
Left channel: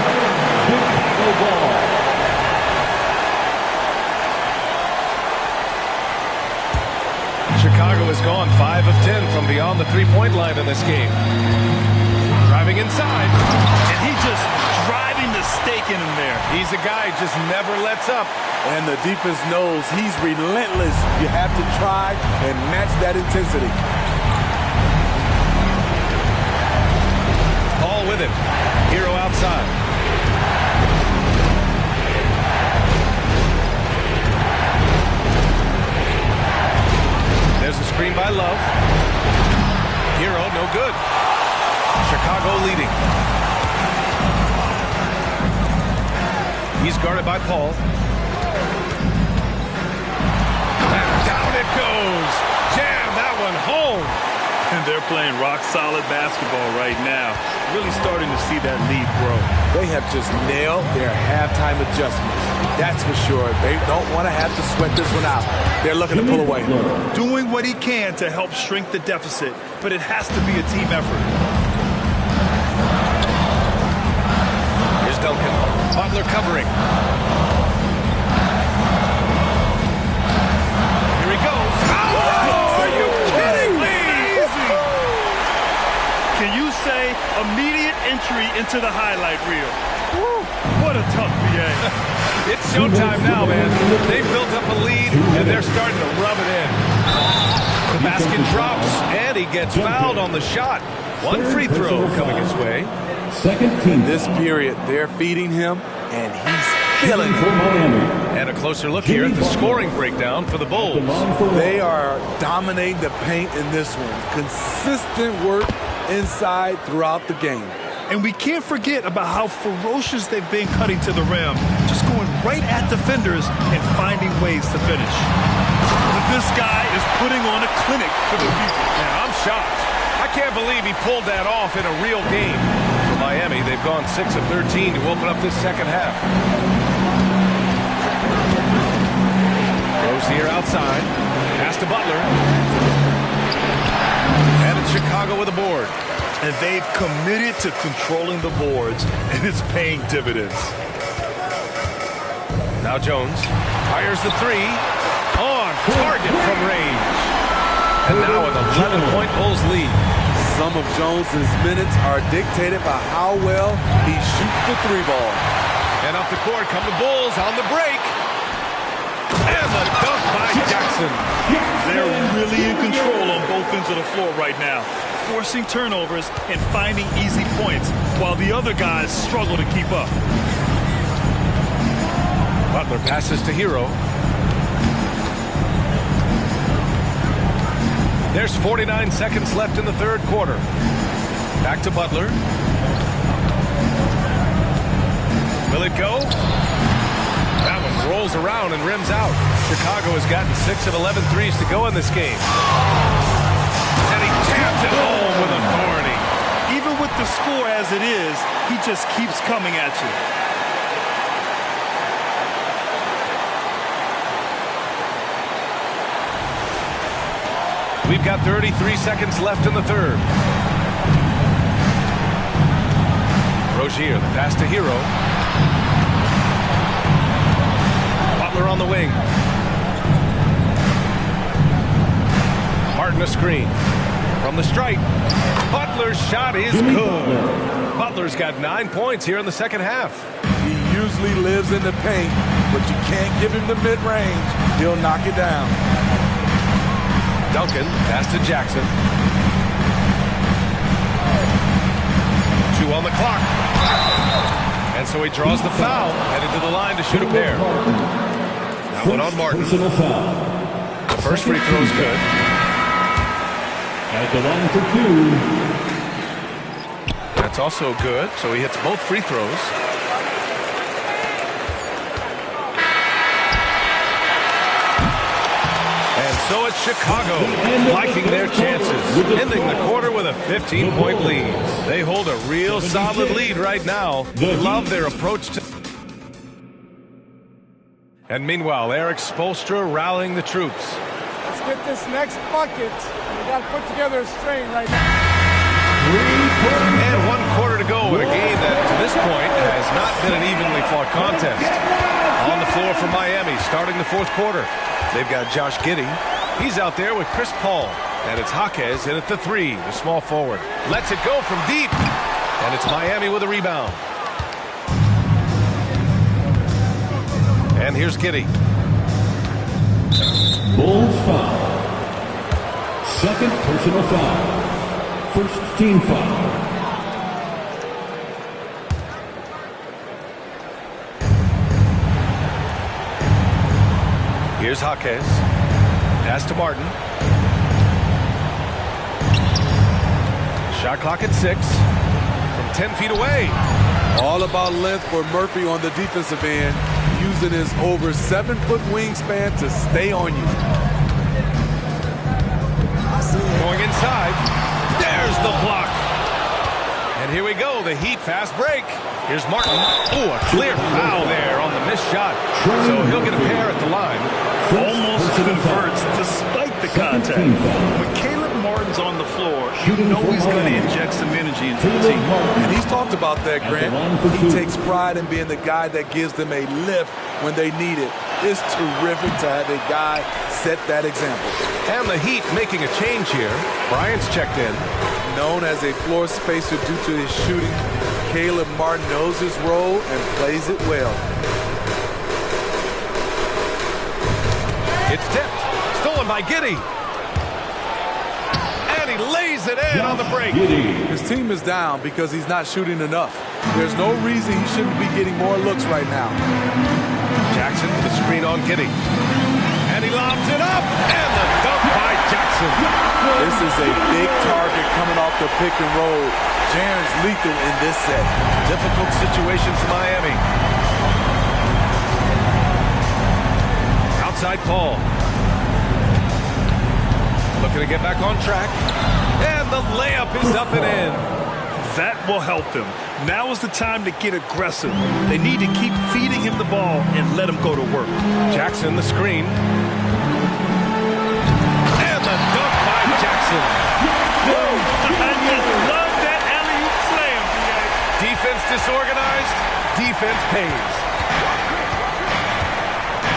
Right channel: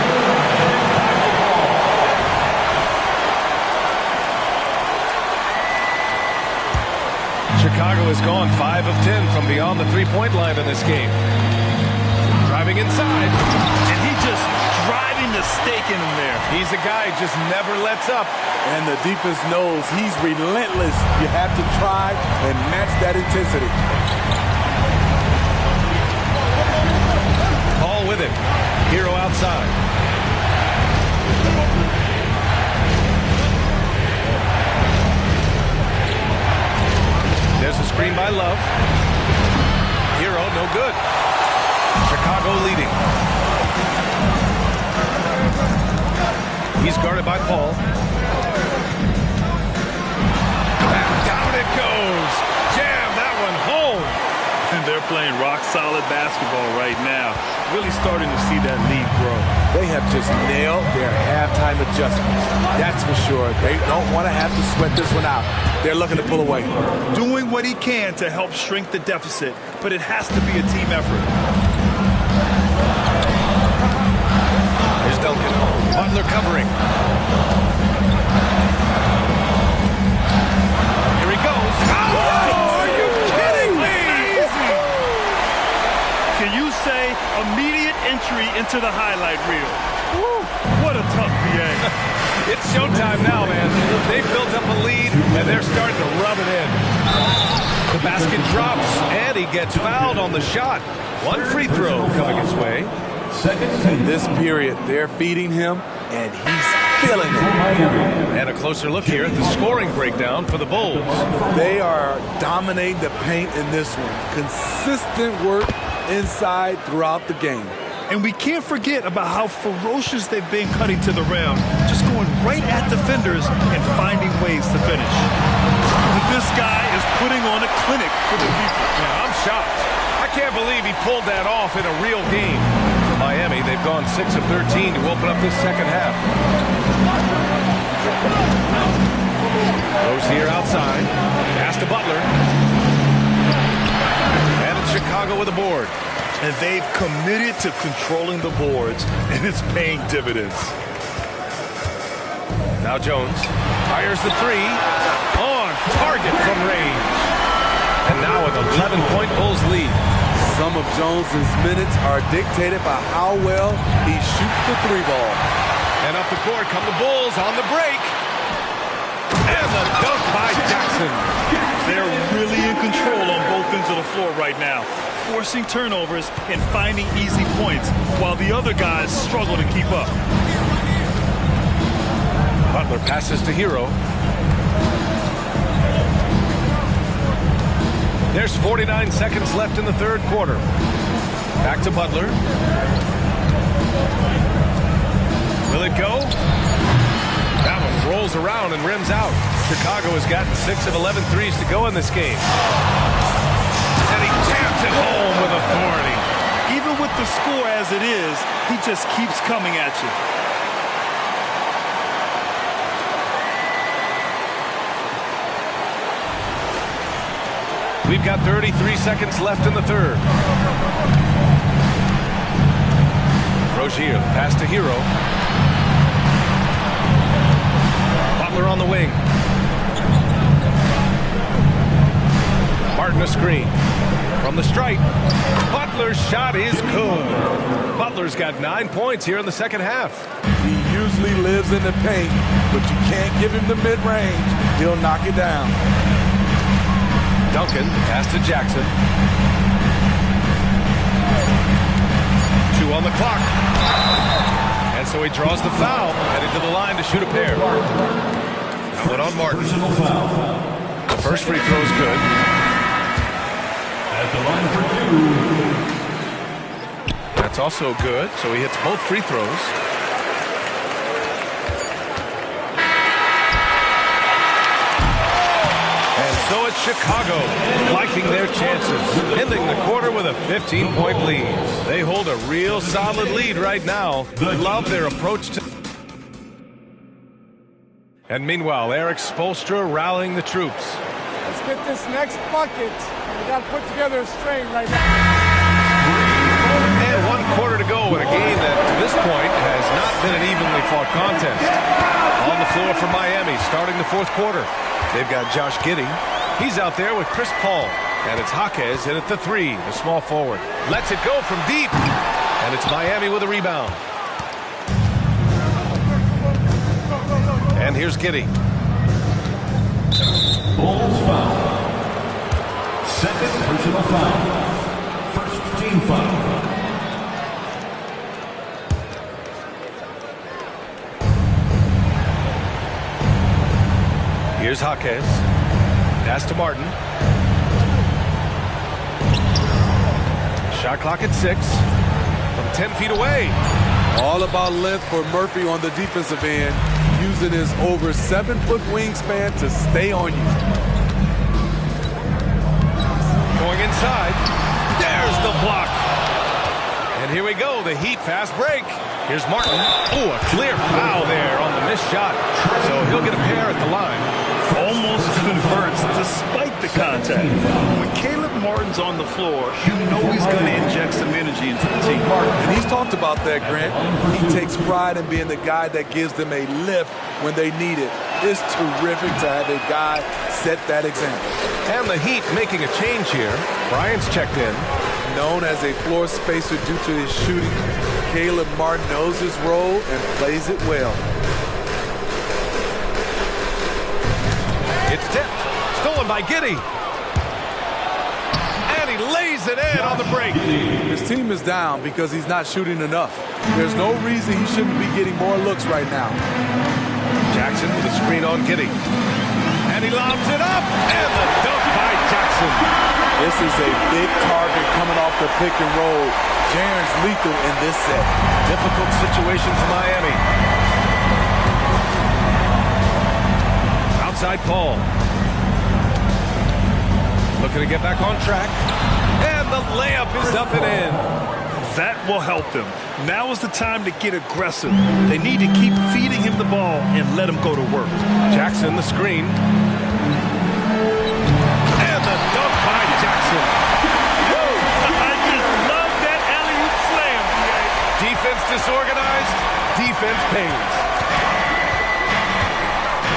Chicago has gone 5 of 10 from beyond the three-point line in this game. Driving inside. And he just driving the stake in him there. He's a guy who just never lets up. And the defense knows he's relentless. You have to try and match that intensity. Paul with him. Hero outside. There's a screen by Love. Hero, no good. Chicago leading. He's guarded by Paul. And down it goes. Jam that one home. And they're playing rock-solid basketball right now. Really starting to see that lead grow. They have just nailed their halftime adjustments. That's for sure. They don't want to have to sweat this one out. They're looking to pull away. Doing what he can to help shrink the deficit, but it has to be a team effort. Here's Duncan. Butler covering. Here he goes. Oh, are you kidding me? Can you say immediate entry into the highlight reel? Woo, what a tough BA. It's showtime now, man. They've built up a lead, and they're starting to rub it in. The basket drops, and he gets fouled on the shot. One free throw coming his way. In this period, they're feeding him, and he's feeling it. And a closer look here at the scoring breakdown for the Bulls. They are dominating the paint in this one. Consistent work inside throughout the game. And we can't forget about how ferocious they've been cutting to the rim, just going right at defenders and finding ways to finish. This guy is putting on a clinic for the people. Yeah, I'm shocked. I can't believe he pulled that off in a real game. For Miami, they've gone 6 of 13 to open up this second half. Rose here outside. Pass to Butler. And it's Chicago with a board. And they've committed to controlling the boards, and it's paying dividends. Now Jones fires the three. On target from range. And now an 11-point Bulls lead. Some of Jones's minutes are dictated by how well he shoots the three ball. And up the court come the Bulls on the break. And the dunk by Jackson. They're really in control on both ends of the floor right now, forcing turnovers and finding easy points while the other guys struggle to keep up. Butler passes to Hero. There's 49 seconds left in the third quarter. Back to Butler. Will it go? That one rolls around and rims out. Chicago has gotten 6 of 11 threes to go in this game. And he jams it home with authority. Even with the score as it is, he just keeps coming at you. We've got 33 seconds left in the third. Rozier, the pass to Hero. Butler on the wing. Martin a screen. From the stripe. Butler's shot is good. Butler's got 9 points here in the second half. He usually lives in the paint, but you can't give him the mid-range. He'll knock it down. Duncan, pass to Jackson. 2 on the clock. And so he draws the foul, headed to the line to shoot a pair. That one on Martin. The first free throw is good. At the line for 2. That's also good, so he hits both free throws. And so it's Chicago liking their chances, ending the quarter with a 15-point lead. They hold a real solid lead right now. Love their approach to... And meanwhile, Eric Spoelstra rallying the troops. Let's get this next bucket. We got to put together a string right now. And 1 quarter to go in a game that, to this point, has not been an evenly fought contest. On the floor for Miami, starting the fourth quarter. They've got Josh Giddey. He's out there with Chris Paul. And it's Jaquez in at the 3, the small forward. Lets it go from deep. And it's Miami with a rebound. And here's Giddey. Bulls foul. Second personal foul. First team foul. Here's Jaquez. Pass to Martin. Shot clock at 6. From 10 feet away. All about length for Murphy on the defensive end, using his over 7-foot wingspan to stay on you. Going inside. There's the block. And here we go, the Heat fast break. Here's Martin. Oh, a clear foul there on the missed shot. So he'll get a pair at the line. Almost converts despite the contact. When Caleb Martin's on the floor, you know he's going to inject some energy into the team. And he's talked about that, Grant. He takes pride in being the guy that gives them a lift when they need it. It's terrific to have a guy set that example. And the Heat making a change here. Bryant's checked in. Known as a floor spacer due to his shooting, Caleb Martin knows his role and plays it well. It's tipped. Stolen by Giddey. And he lays it in on the break. His team is down because he's not shooting enough. There's no reason he shouldn't be getting more looks right now. Jackson with a screen on Giddey. And he lobs it up. And the dunk by Jackson. This is a big target coming off the pick and roll. Jaren's lethal in this set. Difficult situation for Miami. Outside Paul. Looking to get back on track. And the layup is up and in. That will help them. Now is the time to get aggressive. They need to keep feeding him the ball and let him go to work. Jackson the screen. And the dunk by Jackson. Woo! I just love that alley-oop slam, B.A. Defense disorganized. Defense pays.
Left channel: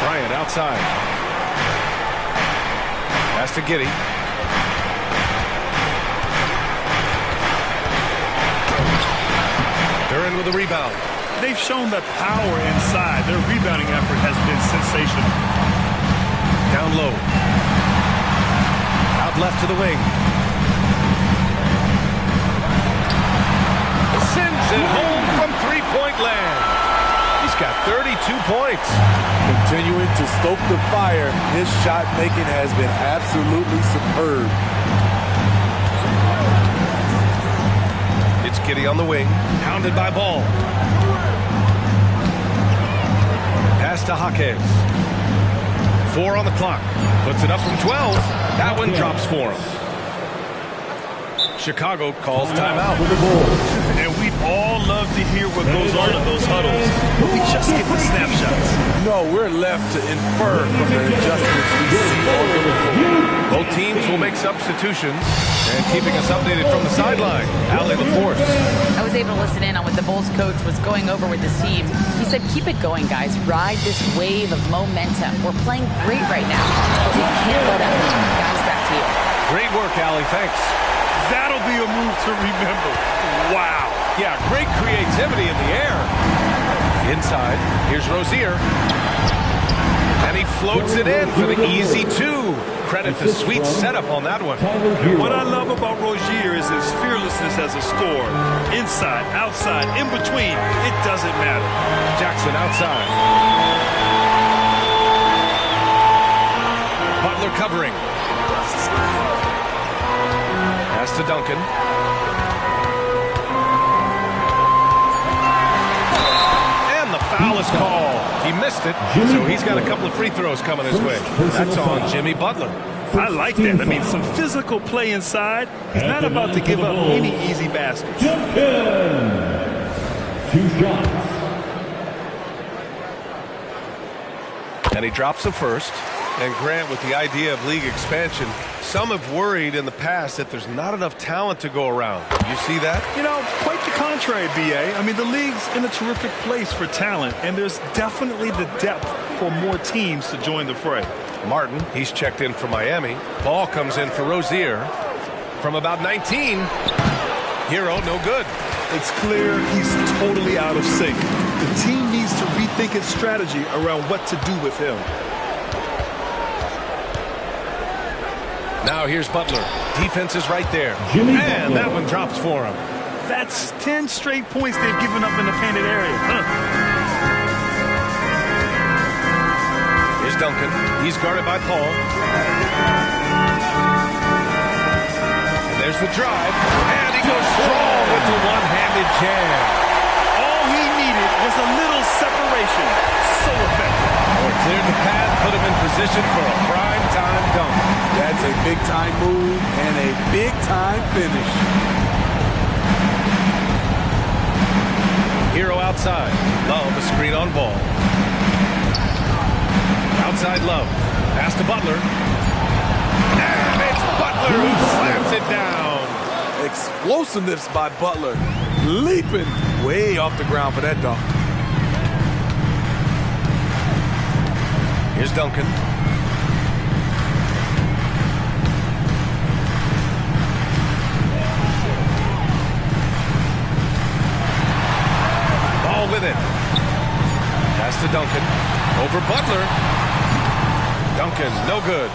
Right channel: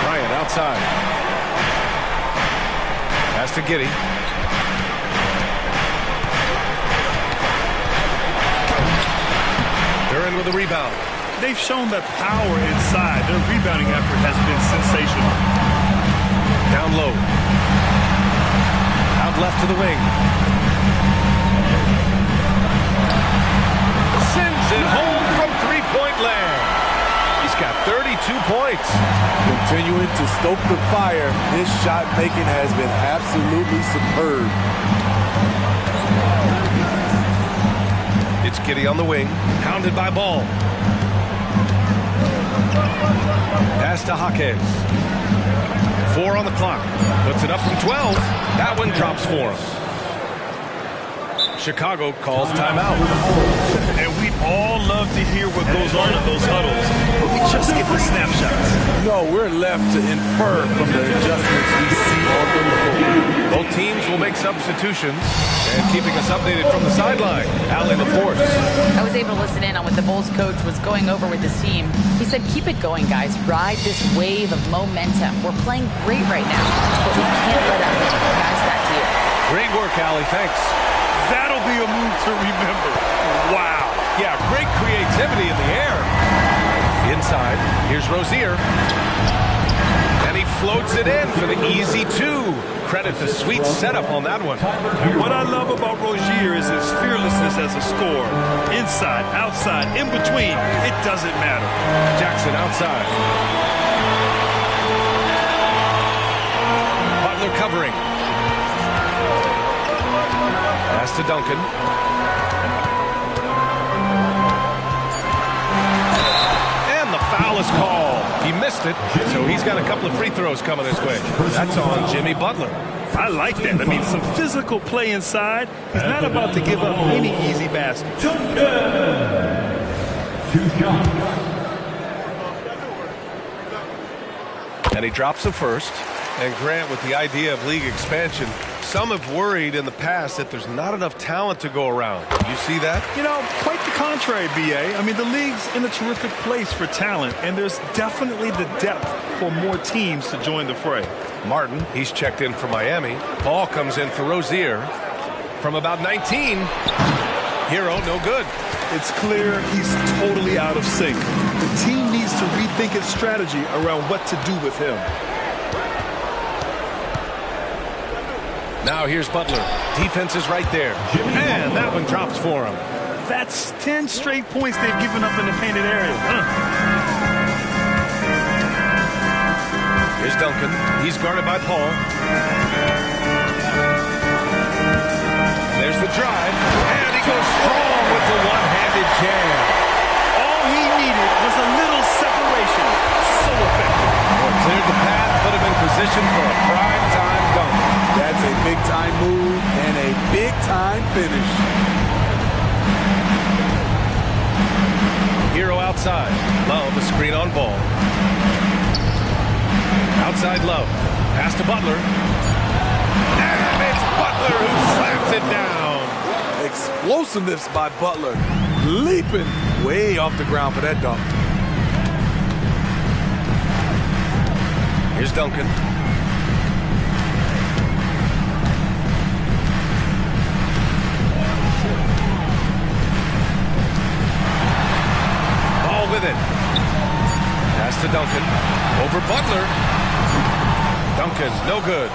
Bryant outside. Pass to Giddey. They're in with a rebound. They've shown that power inside. Their rebounding effort has been sensational. Down low. Out left to the wing. Sends it home from three-point land. He's got 32 points. Continuing to stoke the fire, his shot making has been absolutely superb. It's Giddey on the wing, hounded by Ball. Pass to Jaquez. 4 on the clock. Puts it up from 12. That one drops for him. Chicago calls timeout. And we'd all love to hear what goes on in those huddles, but we just get the snapshots. No, we're left to infer from the adjustments we see on the floor. Both teams will make substitutions, and keeping us updated from the sideline, Allie LaForce. I was able to listen in on what the Bulls coach was going over with his team. He said, keep it going, guys. Ride this wave of momentum. We're playing great right now, but we can't let up. Guys, back to you. Great work, Allie. Thanks. That'll be a move to remember. Wow. Yeah, great creativity in the air. Inside, here's Rozier. And he floats it in for the easy 2. Credit the sweet setup on that one. And what I love about Rozier is his fearlessness as a scorer. Inside, outside, in between, it doesn't matter. Jackson outside. Butler covering. Pass to Duncan. And the foul is called. He missed it, so he's got a couple of free throws coming his way. That's on Jimmy Butler. I like that. I mean, some physical play inside. He's not about to give up any easy baskets. 2 shots. And he drops the first. And Grant, with the idea of league expansion, some have worried in the past that there's not enough talent to go around. You see that? You know, quite the contrary, B.A. I mean, the league's in a terrific place for talent, and there's definitely the depth for more teams to join the fray. Martin, he's checked in for Miami. Ball comes in for Rozier. From about 19, Hero, no good. It's clear he's totally out of sync. The team needs to rethink its strategy around what to do with him. Now here's Butler. Defense is right there. And that one drops for him. That's 10 straight points they've given up in the painted area. Here's Duncan. He's guarded by Paul. And there's the drive. And he goes strong with the one-handed jam. All he needed was a little separation. So effective. It cleared the path, put him in position for a prime-time dunk. That's a big-time move and a big-time finish. Hero outside. Love, a screen on ball. Outside Love. Pass to Butler. And it's Butler who slams it down. Explosiveness by Butler. Leaping way off the ground for that dunk. Here's Duncan. Ball with it. Pass to Duncan. Over Butler. Duncan, no good.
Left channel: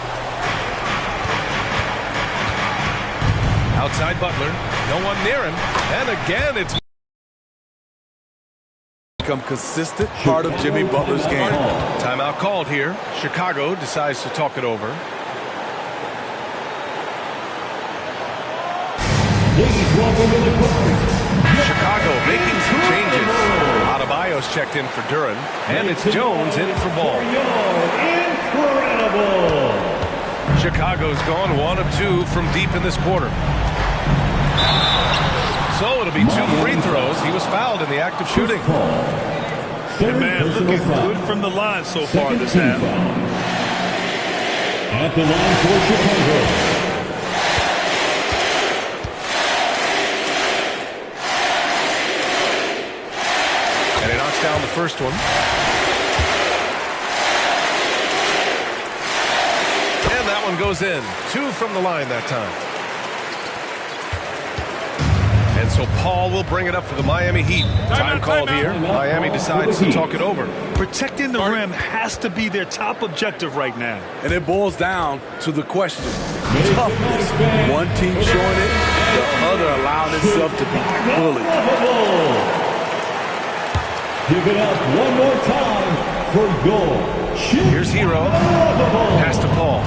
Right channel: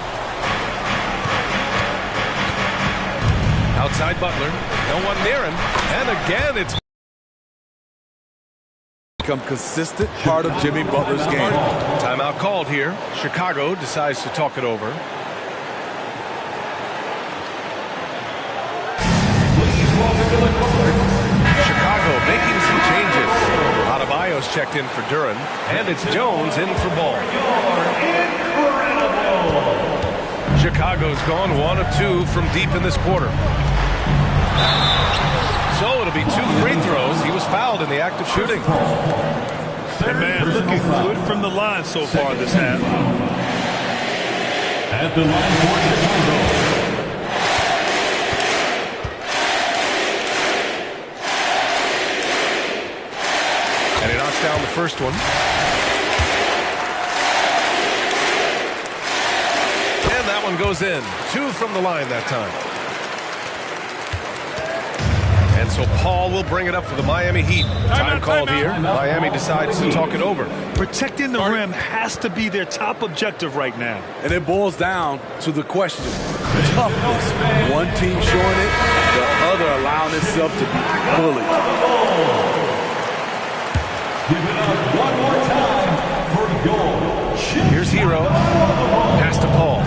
Outside Butler. No one near him. And again, it's become consistent part of Jimmy Butler's game. Timeout called here. Chicago decides to talk it over. Chicago making some changes. Adebayo's checked in for Duran, and it's Jones in for Ball. Chicago's gone 1 of 2 from deep in this quarter. So it'll be 2 free throws. He was fouled in the act of shooting. And man, looking good from the line so far this half. At the line for Chicago. And he knocks down the first one. And that one goes in. 2 from the line that time. And so Paul will bring it up for the Miami Heat. Time called here. Miami decides to talk it over. Protecting the rim has to be their top objective right now. And it boils down to the question. Toughness. One team showing it, the other allowing itself to be bullied. Give it up one more time for your Here's Hero. Pass to Paul.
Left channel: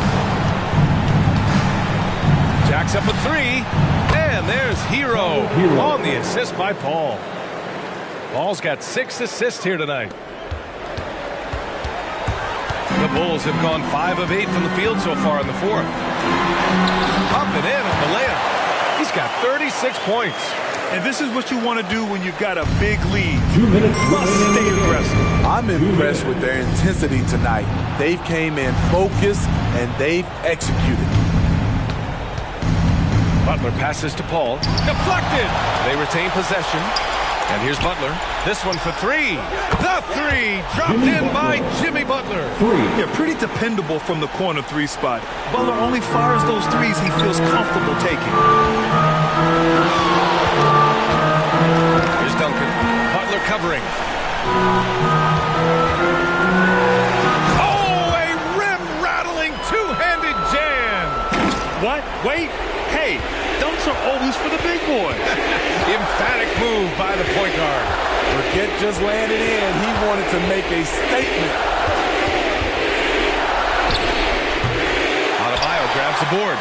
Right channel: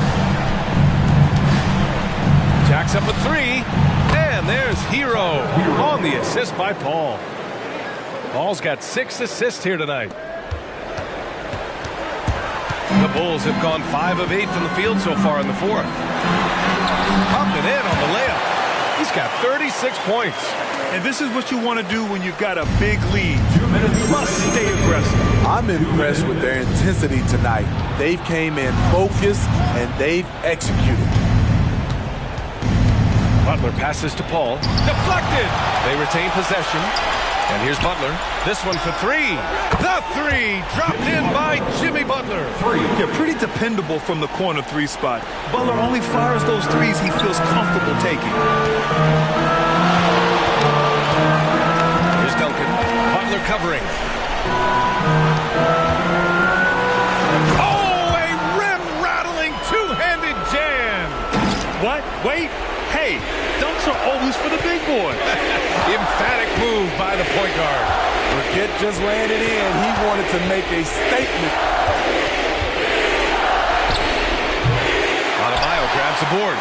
Jacks up a 3. And there's Hero on the assist by Paul. Paul's got 6 assists here tonight. The Bulls have gone 5 of 8 from the field so far in the fourth. Up and in on the layup. He's got 36 points. And this is what you want to do when you've got a big lead. 2 minutes. Must stay aggressive. I'm impressed with their intensity tonight. They've came in focused and they've executed. Butler passes to Paul. Deflected. They retain possession. And here's Butler. This one for 3. The 3 dropped in by Jimmy Butler. 3. Yeah, pretty dependable from the corner 3 spot. Butler only fires those 3s he feels comfortable taking. Here's Duncan. Butler covering. Oh, a rim-rattling two-handed jam. What? Wait. Hey, dunks are always for the big boy. Emphatic move by the point guard. Burkett just landed in. He wanted to make a statement. Adebayo grabs the board.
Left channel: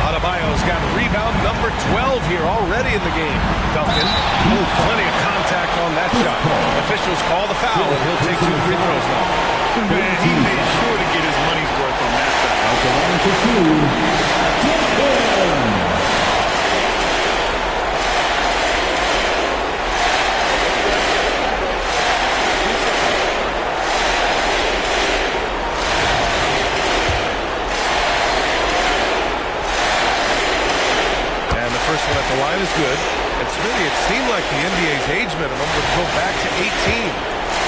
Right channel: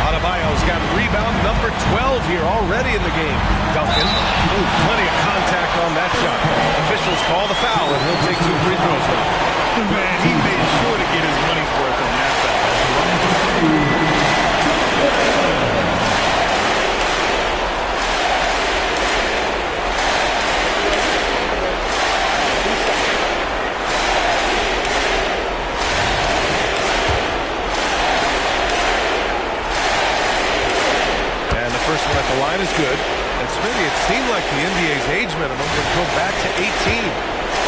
Adebayo's got rebound number 12 here already in the game. Duncan. Ooh, plenty of contact on that shot. Officials call the foul, and he'll take 2 free throws now. Man, he made sure to get his money's worth on that foul. one at the line is good. And Smitty, it seemed like the NBA's age minimum would go back to 18.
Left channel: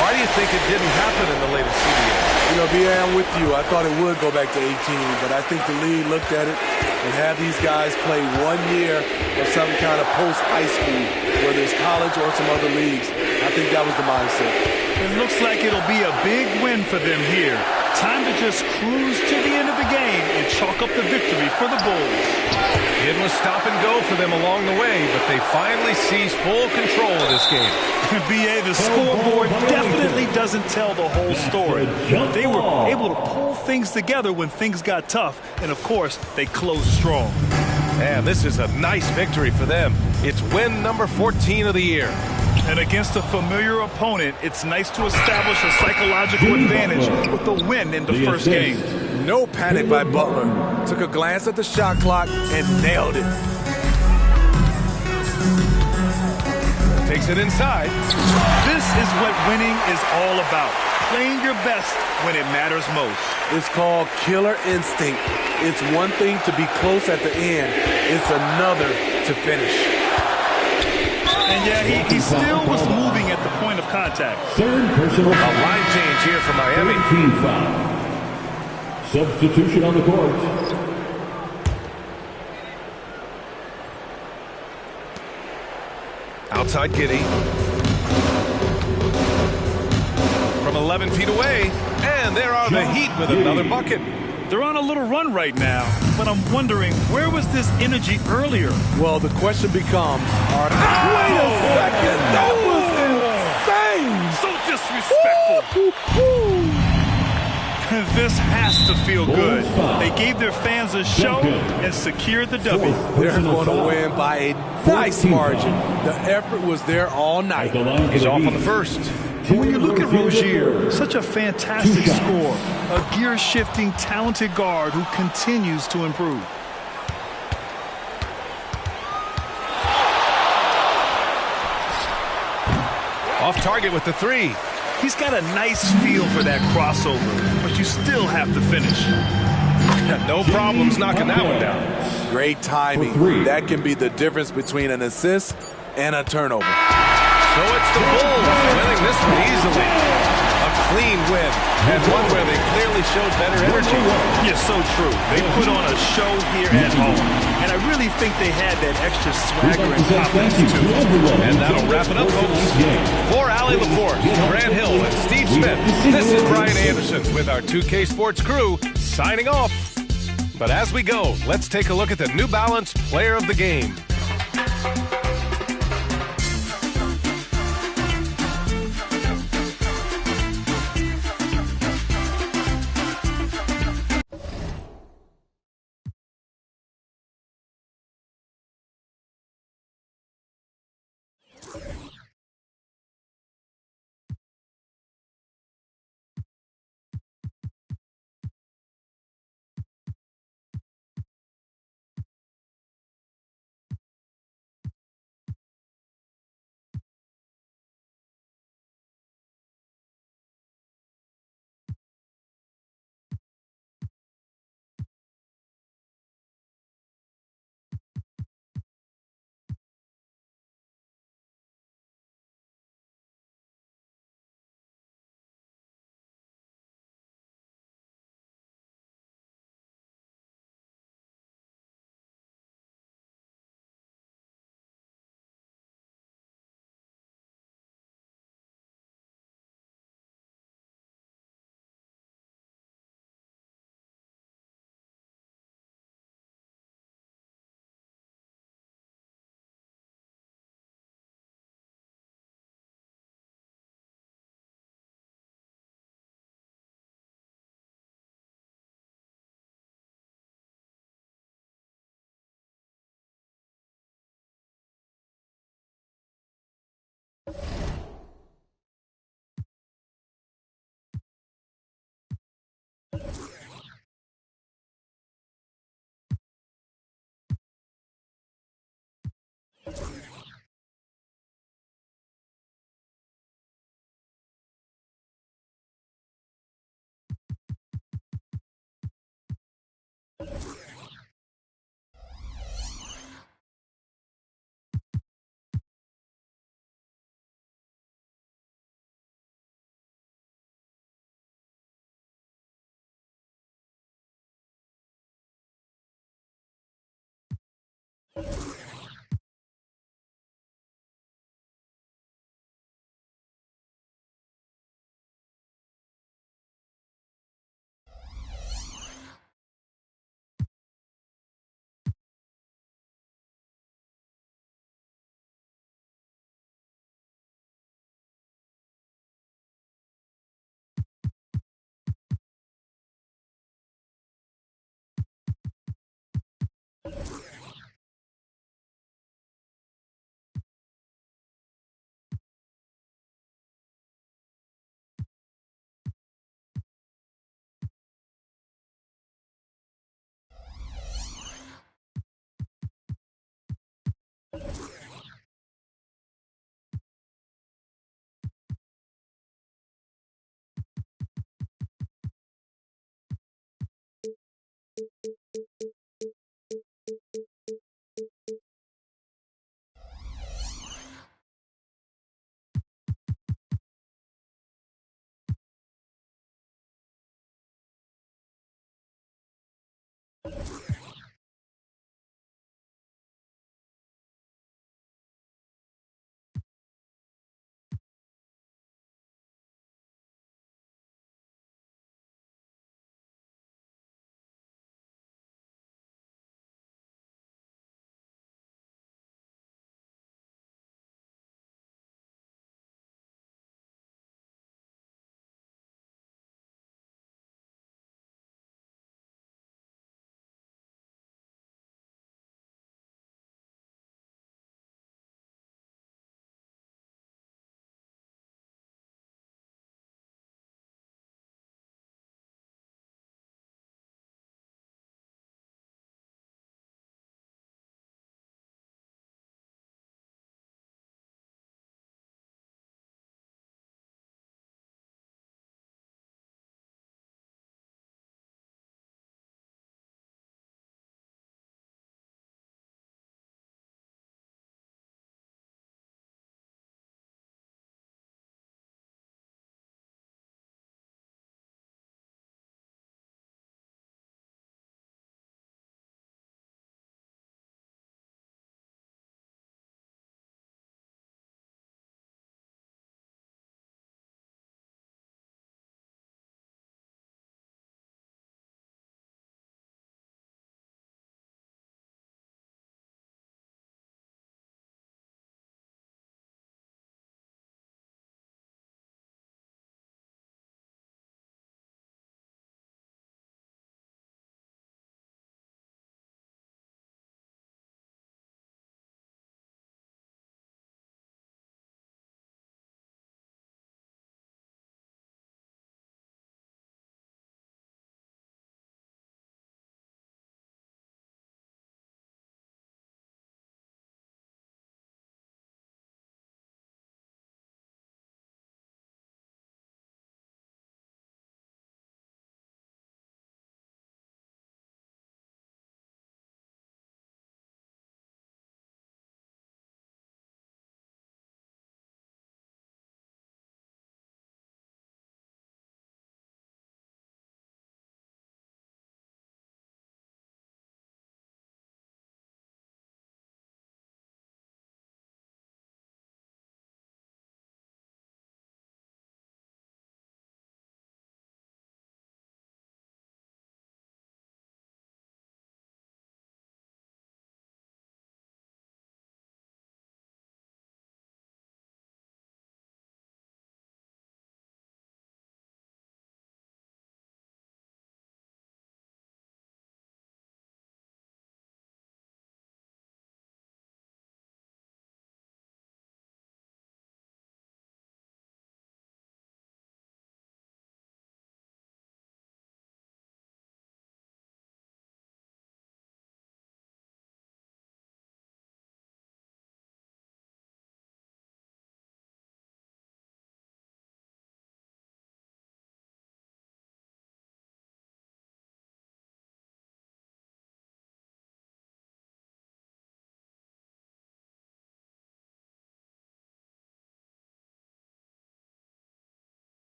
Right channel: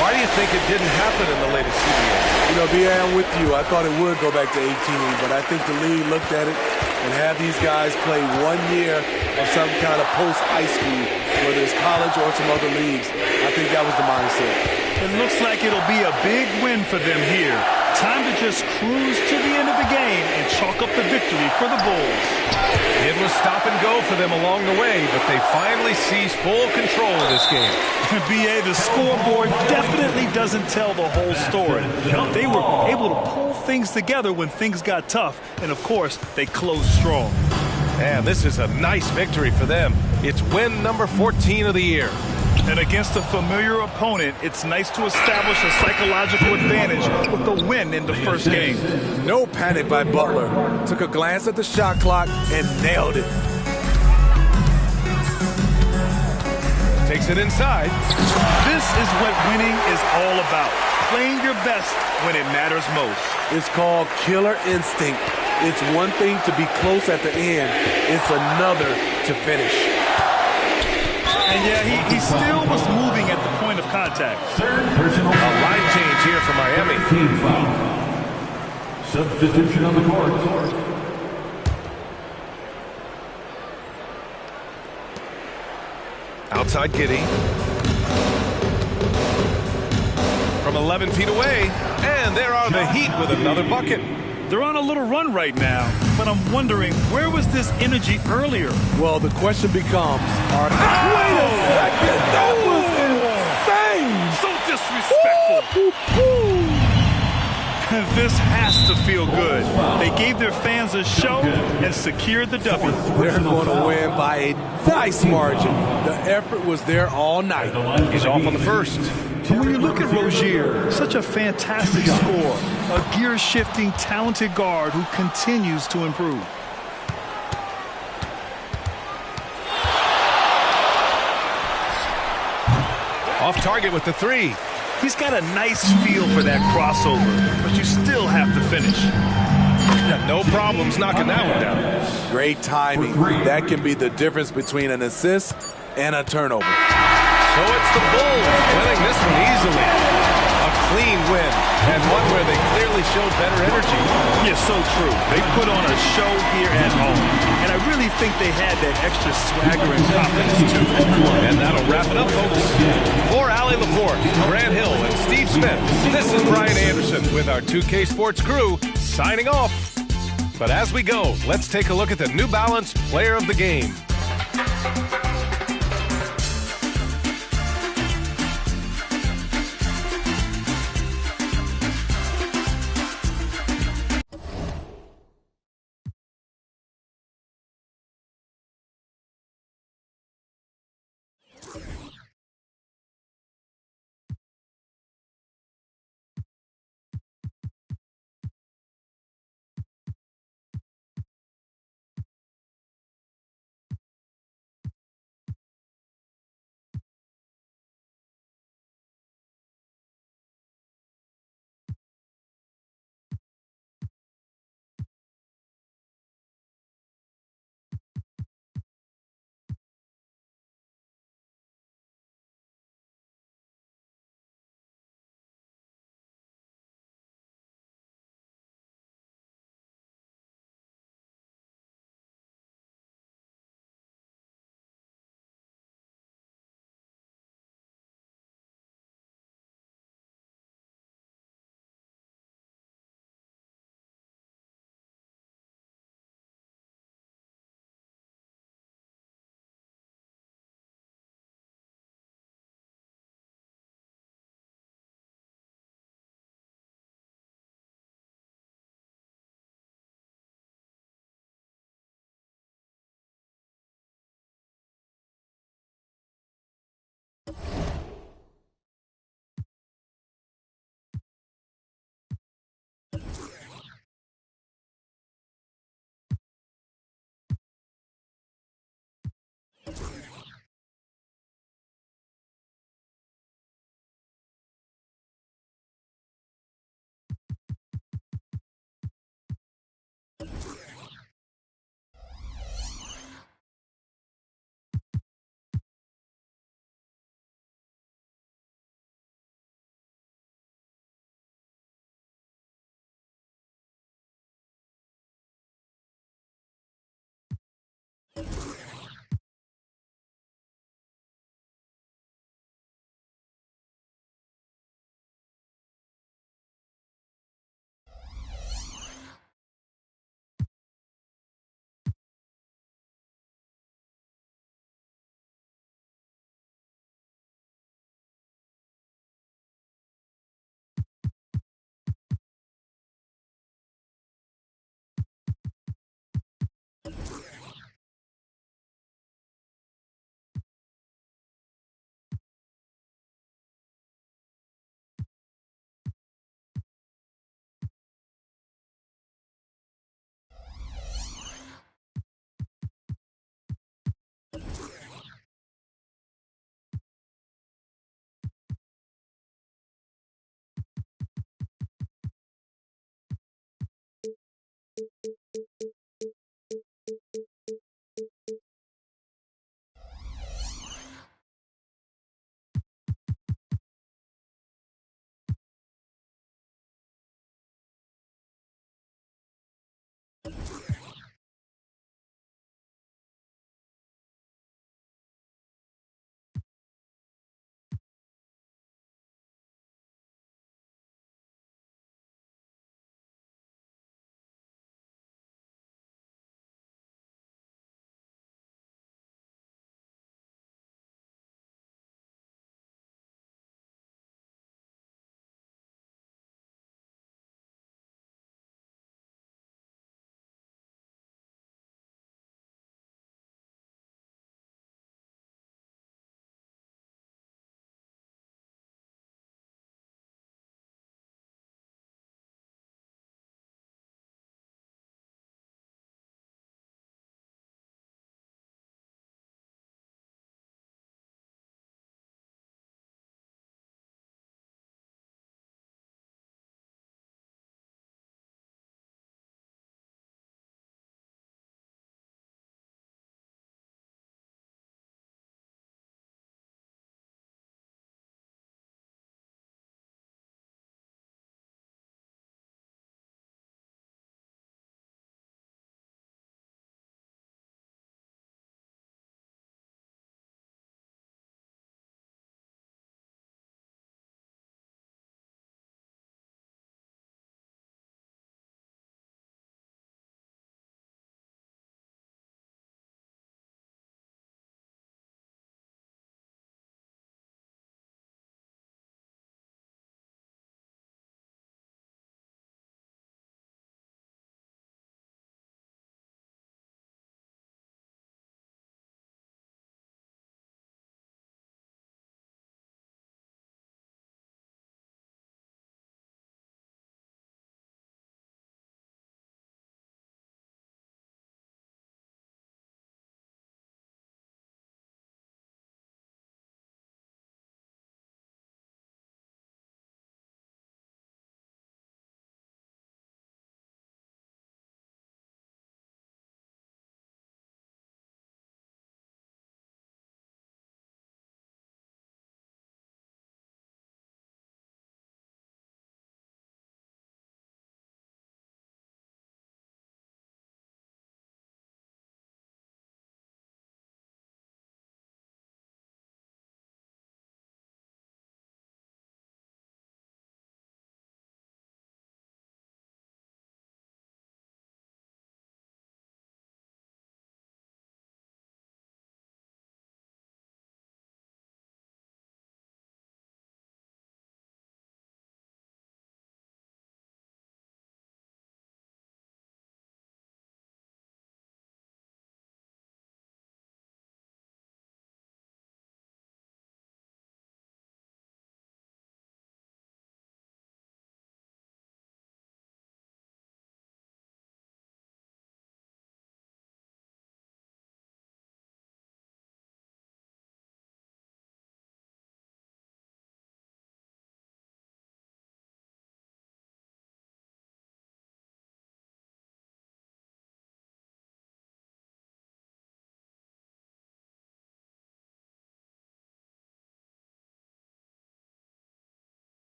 Why do you think it didn't happen in the latest CBA? You know, B.A., I'm with you. I thought it would go back to 18, but I think the league looked at it and have these guys play 1 year of some kind of post-high school, whether it's college or some other leagues. I think that was the mindset. It looks like it'll be a big win for them here. Time to just cruise to the end of the game and chalk up the victory for the Bulls. It was stop and go for them along the way, but they finally seized full control of this game. B.A., the scoreboard definitely doesn't tell the whole story. They were able to pull things together when things got tough, and of course, they closed strong. And this is a nice victory for them. It's win number 14 of the year. And against a familiar opponent, it's nice to establish a psychological advantage with the win in the first game. No panic by Butler. Took a glance at the shot clock and nailed it. Takes it inside. This is what winning is all about. Playing your best when it matters most. It's called killer instinct. It's one thing to be close at the end. It's another to finish. And yeah, he still was moving at the point of contact. Third personal foul. A line change here for Miami. Team foul. Substitution on the court. Outside Giddey. From 11 feet away. And there are the Heat with another bucket. They're on a little run right now, but I'm wondering, where was this energy earlier? Well, the question becomes, wait a second, that was insane! So disrespectful. This has to feel good. They gave their fans a show and secured the W. They're going to win by a nice margin. The effort was there all night. He's off on the first. But when you look at Rozier, such a fantastic scorer, a gear-shifting, talented guard who continues to improve. Off target with the three. He's got a nice feel for that crossover, but you still have to finish. No problems knocking that one down. Great timing. That can be the difference between an assist and a turnover. So it's the Bulls winning this one easily. A clean win, and one where they clearly showed better energy. Yeah, so true. They put on a show here at home, and I really think they had that extra swagger and confidence, too. And that'll wrap it up, folks. For Allie LaForce, Grant Hill, and Steve Smith, this is Brian Anderson with our 2K Sports crew signing off. But as we go, let's take a look at the New Balance Player of the Game.